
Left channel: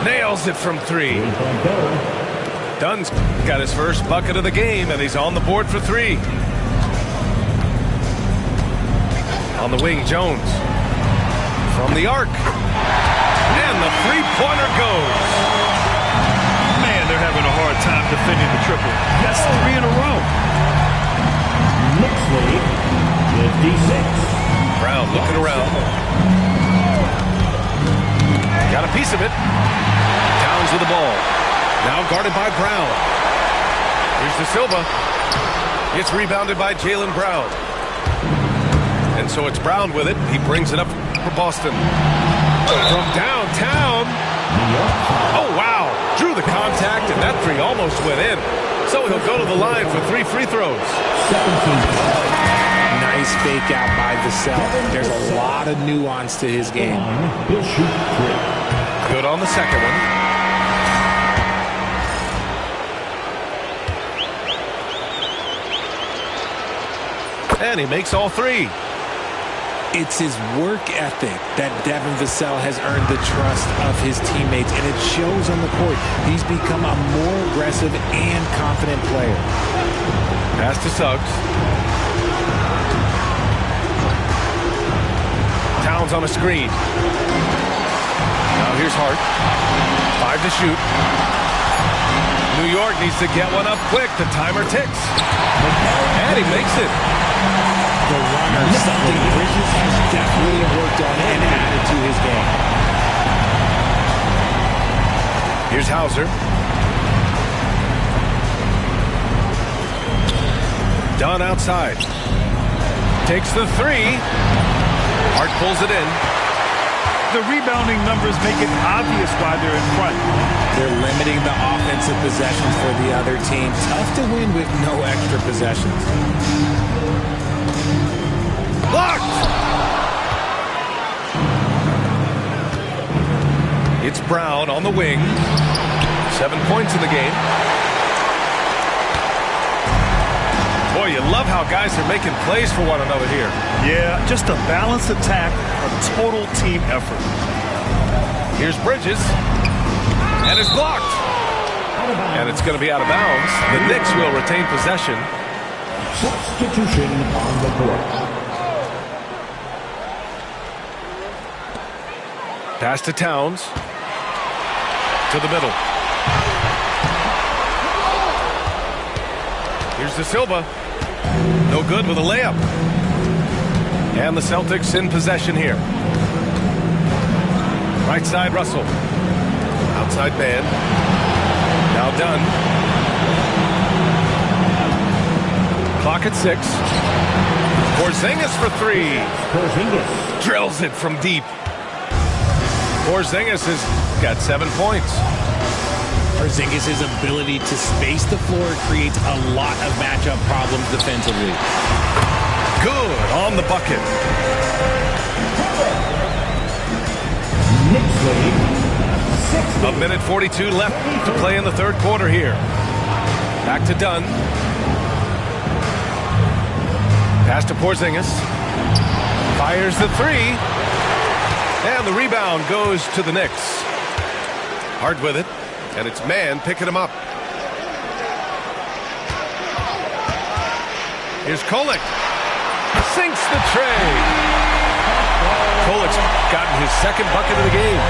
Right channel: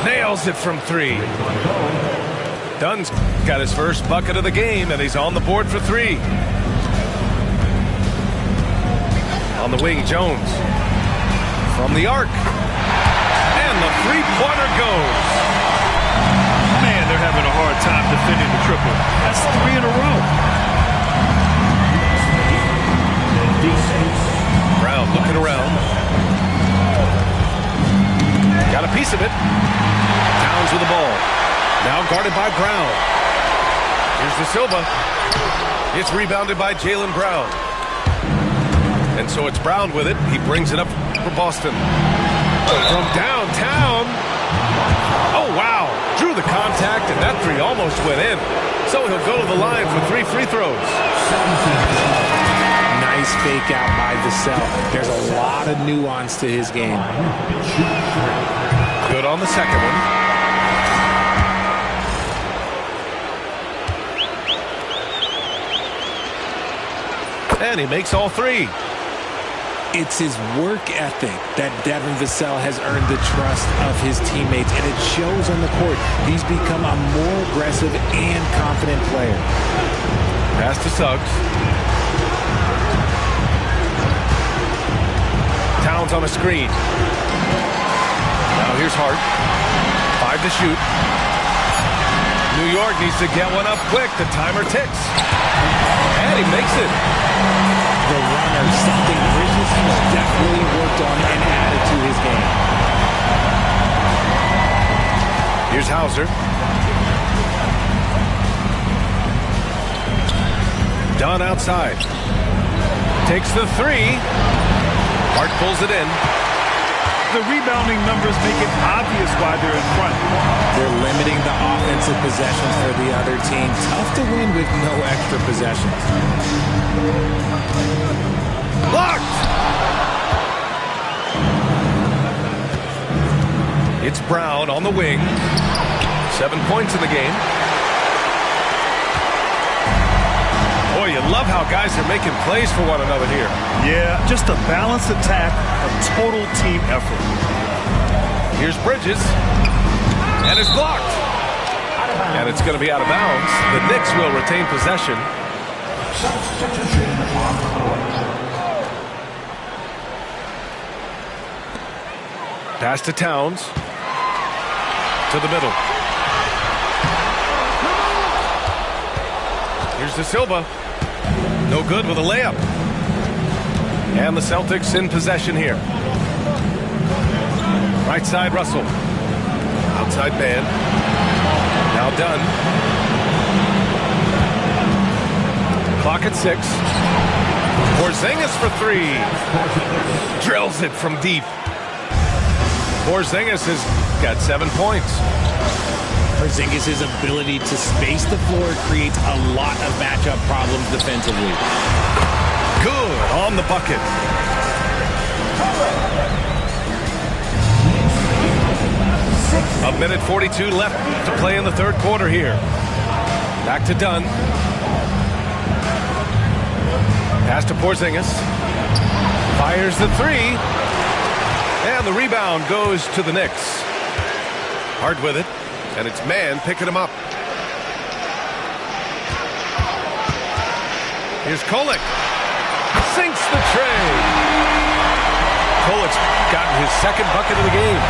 Nails it from 3. Dunn's got his first bucket of the game, and he's on the board for 3. On the wing, Jones. From the arc. And the three-pointer goes. Man, they're having a hard time defending the triple. That's 3 in a row. Next lead, the D6. Brown looking around. Got a piece of it. Towns with the ball. Now guarded by Brown. Here's De Silva. It's rebounded by Jaylen Brown. And so it's Brown with it. He brings it up for Boston. From downtown. Oh, wow. Drew the contact, and that 3 almost went in. So he'll go to the line for 3 free throws. Nice fake out by Vassell. There's a lot of nuance to his game. Good on the second one. And he makes all 3. It's his work ethic that Devin Vassell has earned the trust of his teammates, and it shows on the court. He's become a more aggressive and confident player. Pass to Suggs. Towns on a screen. Now here's Hart. 5 to shoot. New York needs to get one up quick. The timer ticks. And he makes it. The runner, something Bridges has definitely worked on and added to his game. Here's Hauser. Dunn outside. Takes the 3. Hart pulls it in. The rebounding numbers make it obvious why they're in front. They're limiting the offensive possessions for the other team. Tough to win with no extra possessions. Blocked! It's Brown on the wing. 7 points in the game. Boy, you love how guys are making plays for one another here. Yeah, just a balanced attack, a total team effort. Here's Bridges. And it's blocked. And it's going to be out of bounds. The Knicks will retain possession. Substitution on the court. Pass to Towns. To the middle. Here's De Silva. No good with a layup. And the Celtics in possession here. Right side, Russell. Outside Band. Now Dunn. Clock at 6. Porzingis for 3. Drills it from deep. Porzingis has got 7 points. Porzingis' ability to space the floor creates a lot of matchup problems defensively. Good on the bucket. A minute 42 left to play in the third quarter here. Back to Dunn. Pass to Porzingis. Fires the 3. And the rebound goes to the Knicks. Hard with it. And it's Mann picking him up. Here's Kolek. Sinks the tray. Kolek's gotten his second bucket of the game.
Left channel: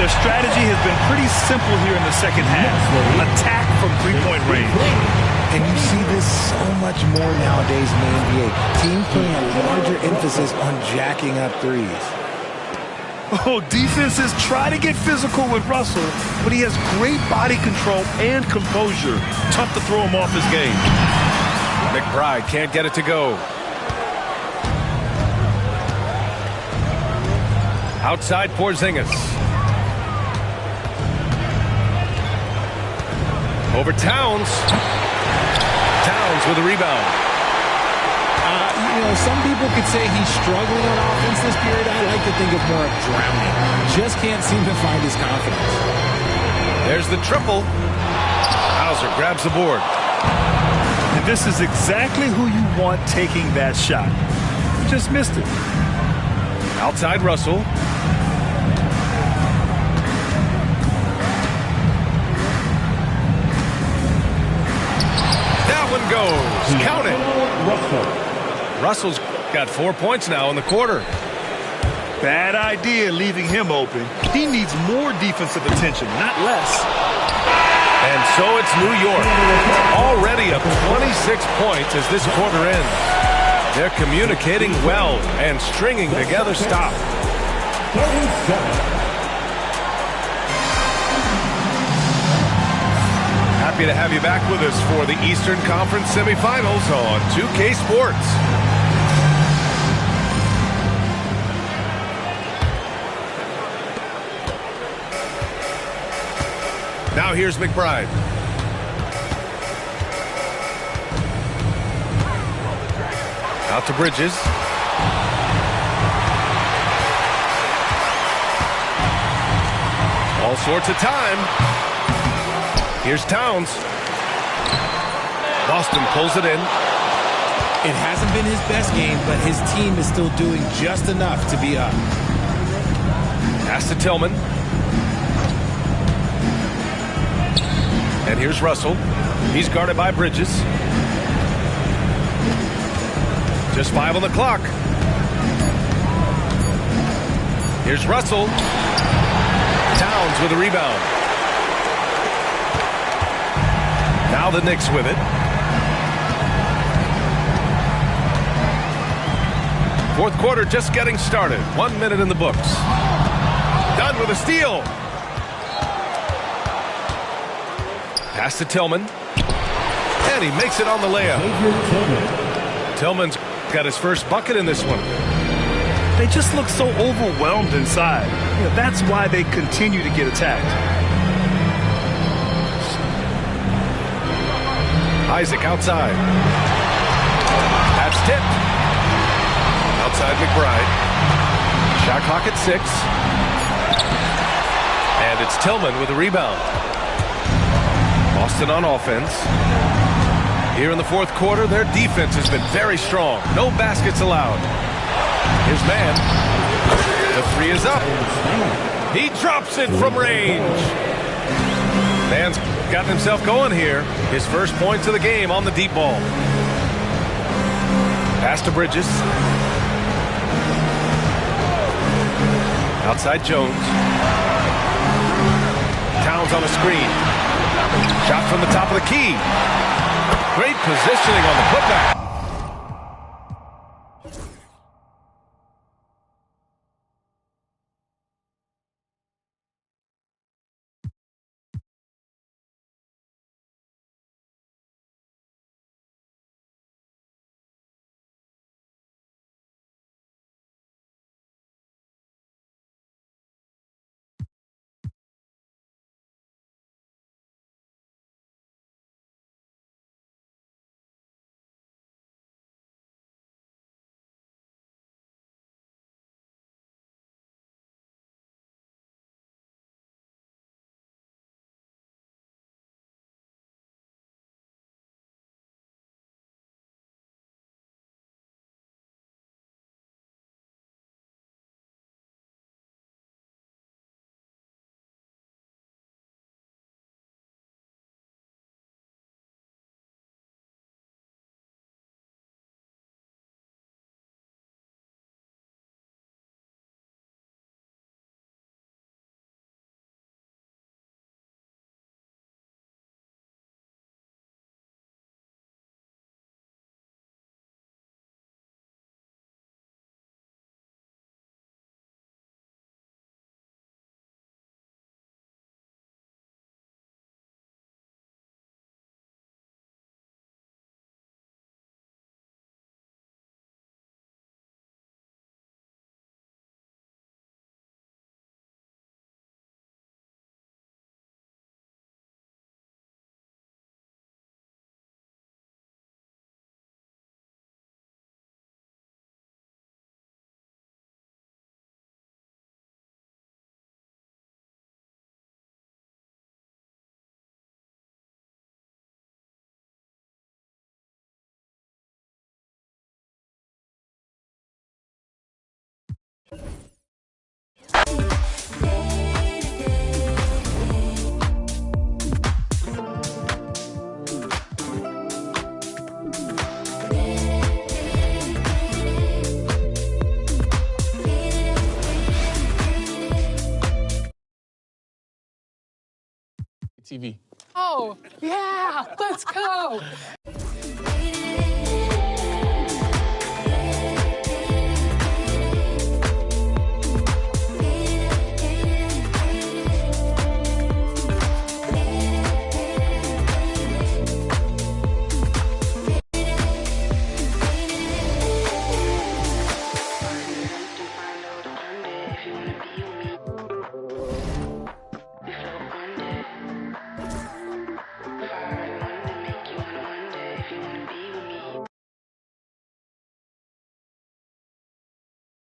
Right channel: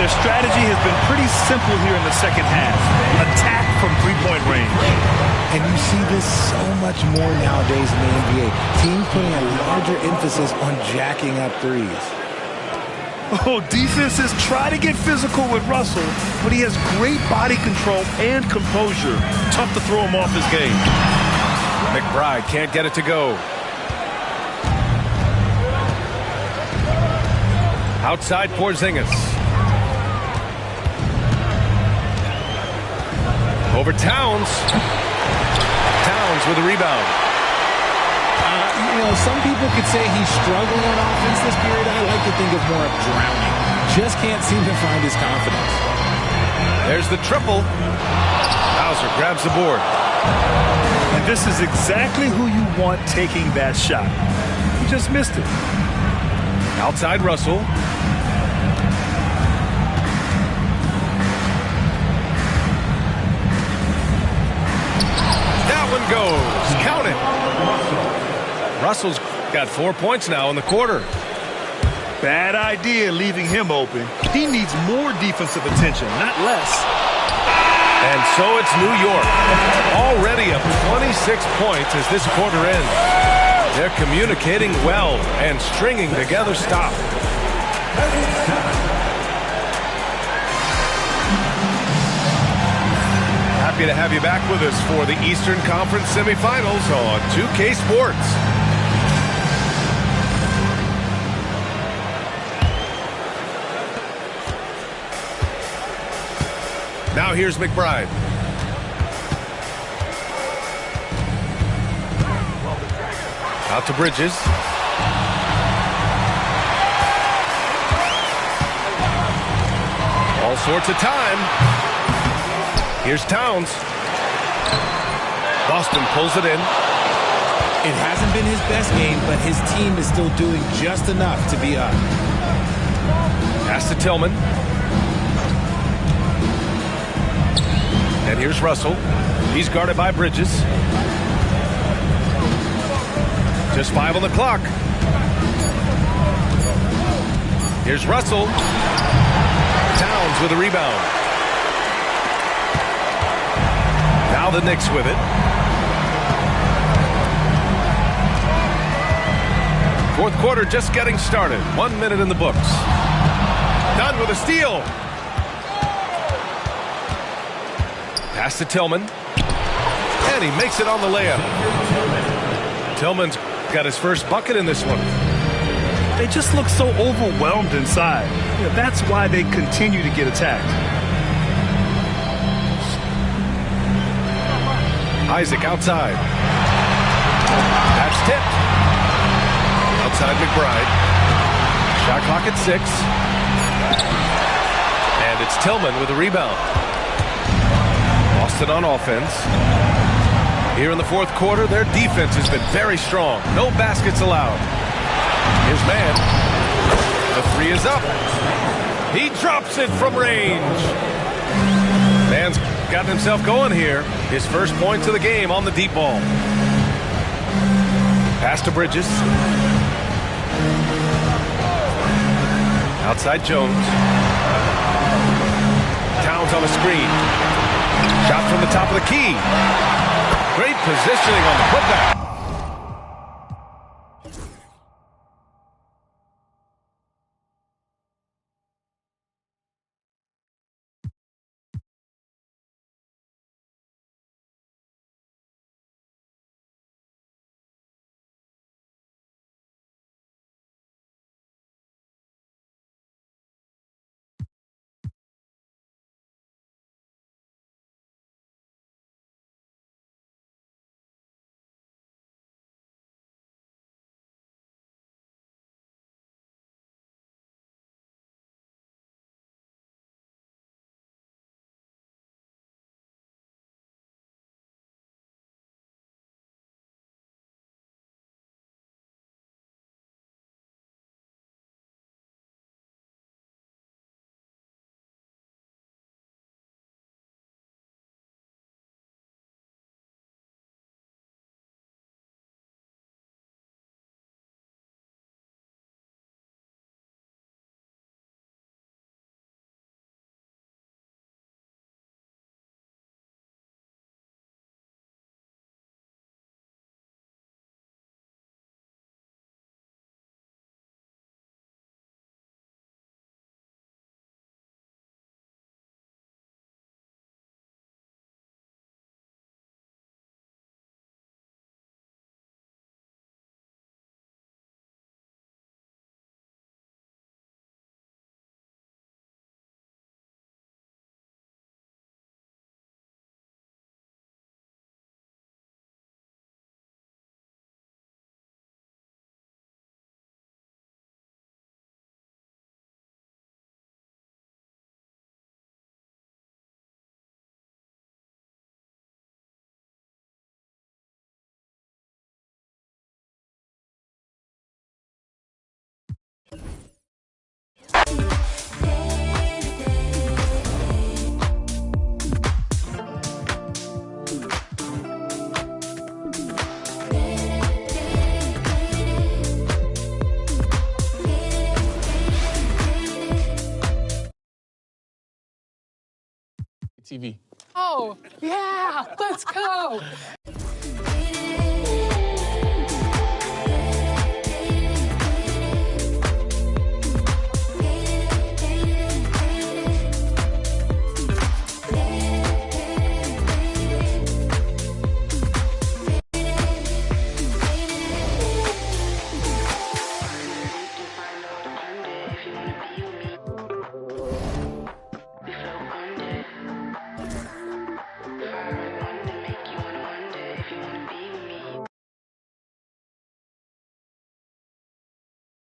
Their strategy has been pretty simple here in the second half. Attack from three-point range. And you see this so much more nowadays in the NBA. Teams putting a larger emphasis on jacking up threes. Oh, defenses try to get physical with Russell, but he has great body control and composure. Tough to throw him off his game. McBride can't get it to go. Outside Porzingis. Over Towns. Towns with a rebound. Some people could say he's struggling on offense this period. I like to think of more of drowning. Just can't seem to find his confidence. There's the triple. Hauser grabs the board. And this is exactly who you want taking that shot. He just missed it. Outside Russell. That one goes. Count it. Russell's got 4 points now in the quarter. Bad idea leaving him open. He needs more defensive attention, not less. And so it's New York. Already up 26 points as this quarter ends. They're communicating well and stringing together stops. Happy to have you back with us for the Eastern Conference semifinals on 2K Sports. Now here's McBride. Out to Bridges. All sorts of time. Here's Towns. Boston pulls it in. It hasn't been his best game, but his team is still doing just enough to be up. Pass to Tillman. And here's Russell. He's guarded by Bridges. Just 5 on the clock. Here's Russell. Towns with a rebound. Now the Knicks with it. Fourth quarter just getting started. 1 minute in the books. Done with a steal. Pass to Tillman. And he makes it on the layup. Tillman's got his first bucket in this one. They just look so overwhelmed inside. That's why they continue to get attacked. Isaac outside. That's tipped. Outside McBride. Shot clock at 6. And it's Tillman with a rebound. Boston on offense. Here in the fourth quarter, their defense has been very strong. No baskets allowed. Here's Mann. The three is up. He drops it from range. Mann's gotten himself going here. His first points of the game on the deep ball. Pass to Bridges. Outside Jones. Towns on a screen. Shot from the top of the key. Great positioning on the putback. TV. Oh, yeah, let's go.